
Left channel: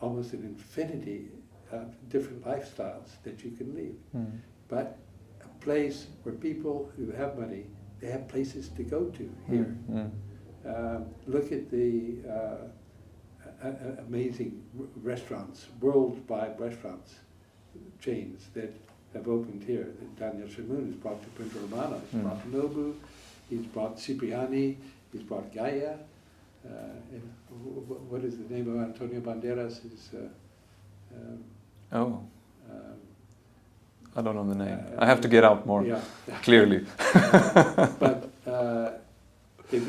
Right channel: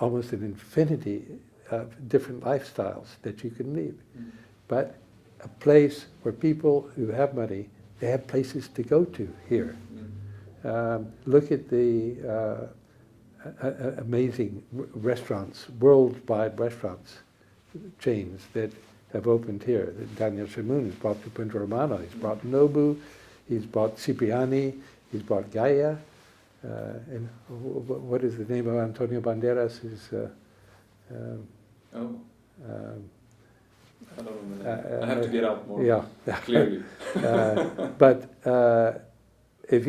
almost an infinity of different lifestyles that you can lead. But a place where people who have money, they have places to go to here. Look at the amazing restaurants, worldwide restaurants, chains that have opened here. Daniel Shamoun has brought to Punta Romana, he's brought Nobu, he's brought Cipriani, he's brought Gaia. And what is the name of Antonio Banderas? I don't know the name. I have to get out more clearly. But if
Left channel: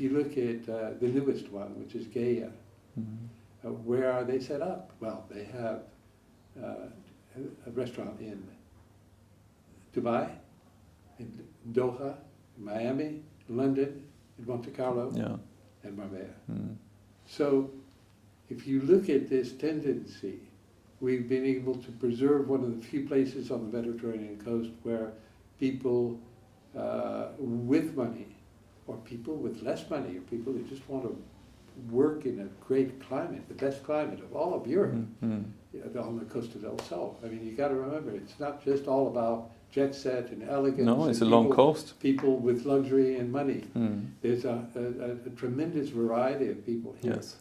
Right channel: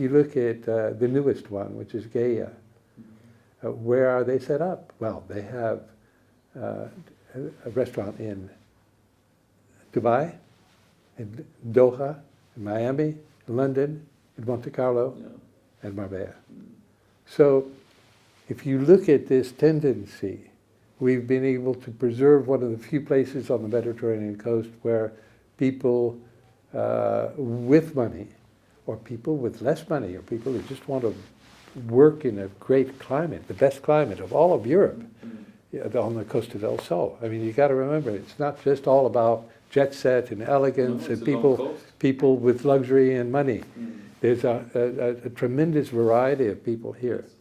you look at the newest one, which is Gaia, where are they set up? Well, they have a restaurant in Dubai, in Doha, in Miami, in London, in Monte Carlo, and Marbella. So if you look at this tendency, we've been able to preserve one of the few places on the Mediterranean coast where people with money, or people with less money, or people who just want to work in a great climate, the best climate of all of Europe, on the Costa del Sol. I mean, you got to remember, it's not just all about jet set and elegance. No, it's and a long coast. People with luxury and money. There's a tremendous variety of people here. Yes.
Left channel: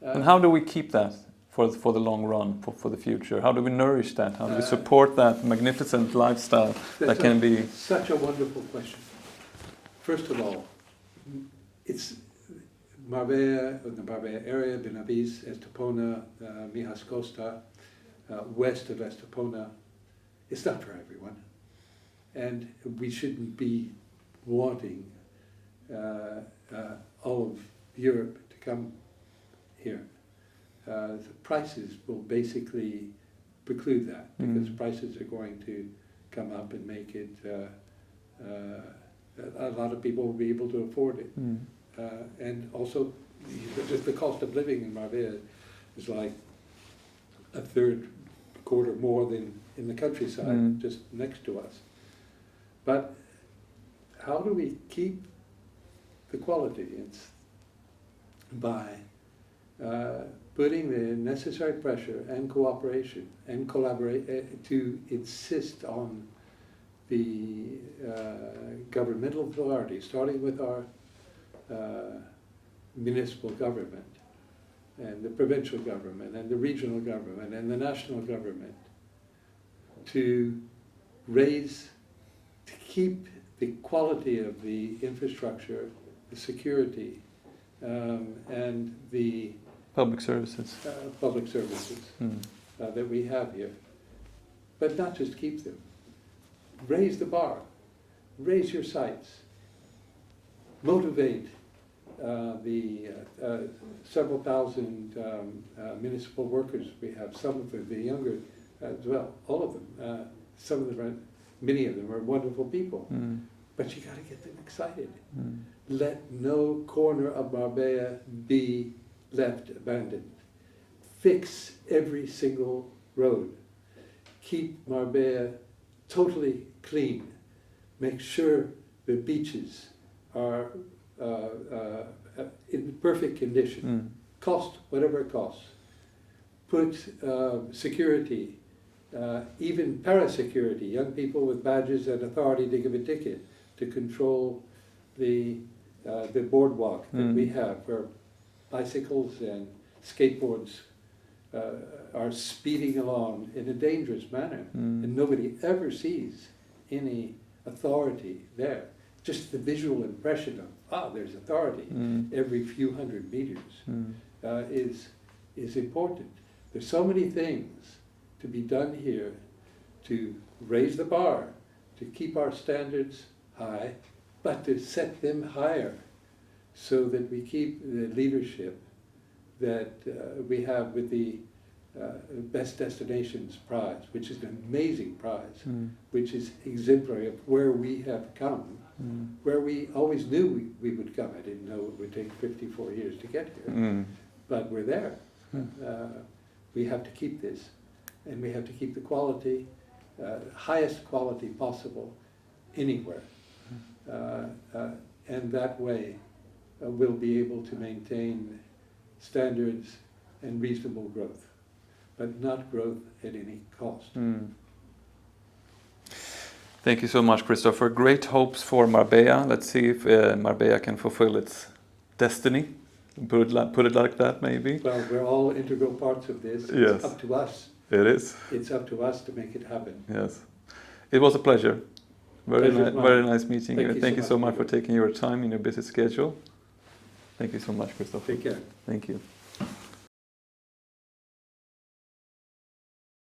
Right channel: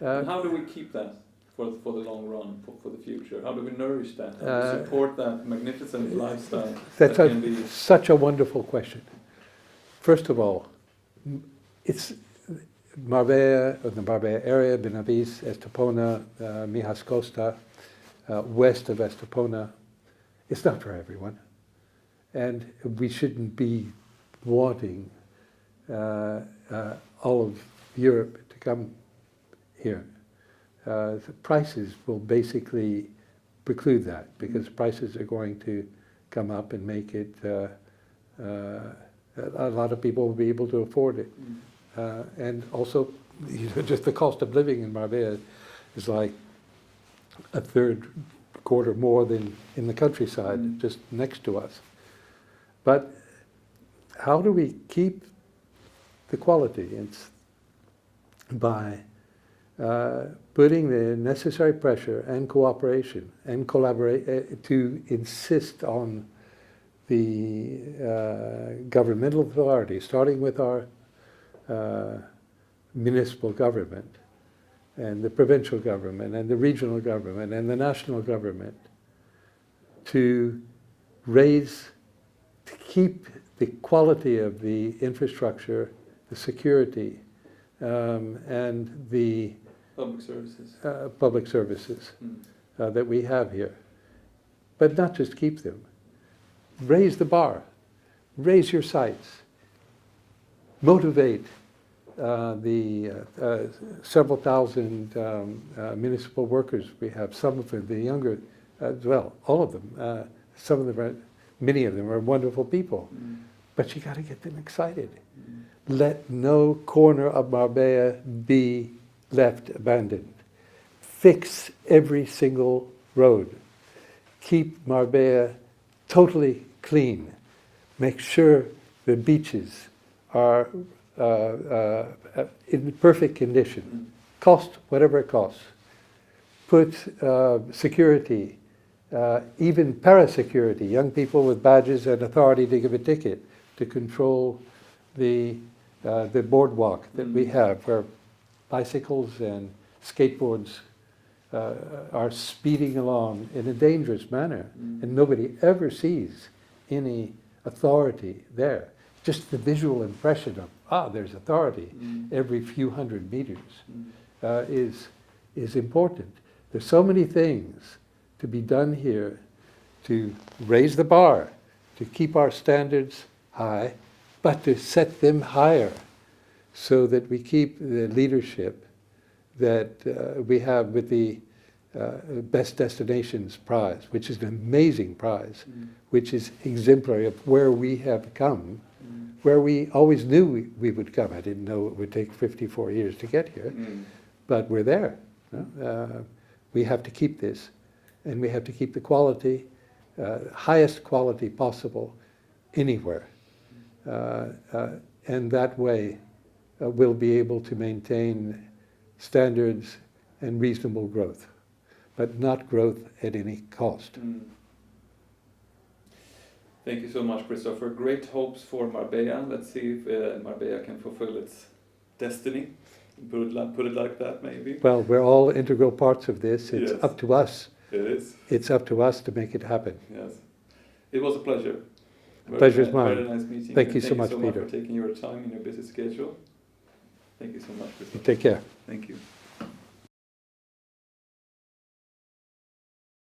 And how do we keep that for the long run, for the future? How do we nourish that? How do we support that magnificent lifestyle that can be? Such a wonderful question. First of all, it's Marbella, the Marbella area, Benavides, Estepona, Mijas Costa, west of Estepona. It's not for everyone. And we shouldn't be wanting all of Europe to come here. The prices will basically preclude that, because prices are going to come up and make it, a lot of people will be able to afford it. And also, just the cost of living in Marbella is like a third, quarter more than in the countryside, just next to us. But how do we keep the quality? It's by putting the necessary pressure and cooperation and collaborate to insist on the governmental authorities, starting with our municipal government and the provincial government and the regional government and the national government, to keep the quality of the infrastructure, the security, and the public services that we have here. But not just keep them. Raise the bar. Raise your sights. Motivate the several thousand municipal workers we have. Some of them, the younger as well, all of them. Some of them many of them are wonderful people. But you got to get them excited. Let no corner of Marbella be left abandoned. Fix every single road. Keep Marbella totally clean. Make sure the beaches are in perfect condition. Cost whatever it costs. Put security, even parasecurity, young people with badges and authority to give a ticket, to control the boardwalk that we have, where bicycles and skateboards are speeding along in a dangerous manner, and nobody ever sees any authority there. Just the visual impression of, there's authority every few hundred meters is important. There's so many things to be done here to raise the bar, to keep our standards high, but to set them higher, so that we keep the leadership that we have with the Best Destinations Prize, which is an amazing prize, which is exemplary of where we have come, where we always knew we would come. I didn't know it would take 54 years to get here, but we're there. We have to keep this, and we have to keep the quality, highest quality possible, anywhere. And that way we'll be able to maintain standards and reasonable growth, but not growth at any cost. Thank you so much, Christopher. Great hopes for Marbella. Let's see if Marbella can fulfill its destiny. Put it like that, maybe. Well, we're all integral parts of this. It's Yes. up to us. It is. It's up to us to make it happen. Yes. It was a pleasure. Pleasure's mine. Very nice meeting Thank you. you so much, for Peter. taking your time in your busy schedule. Thank you so much, Christopher. Take care. Thank you.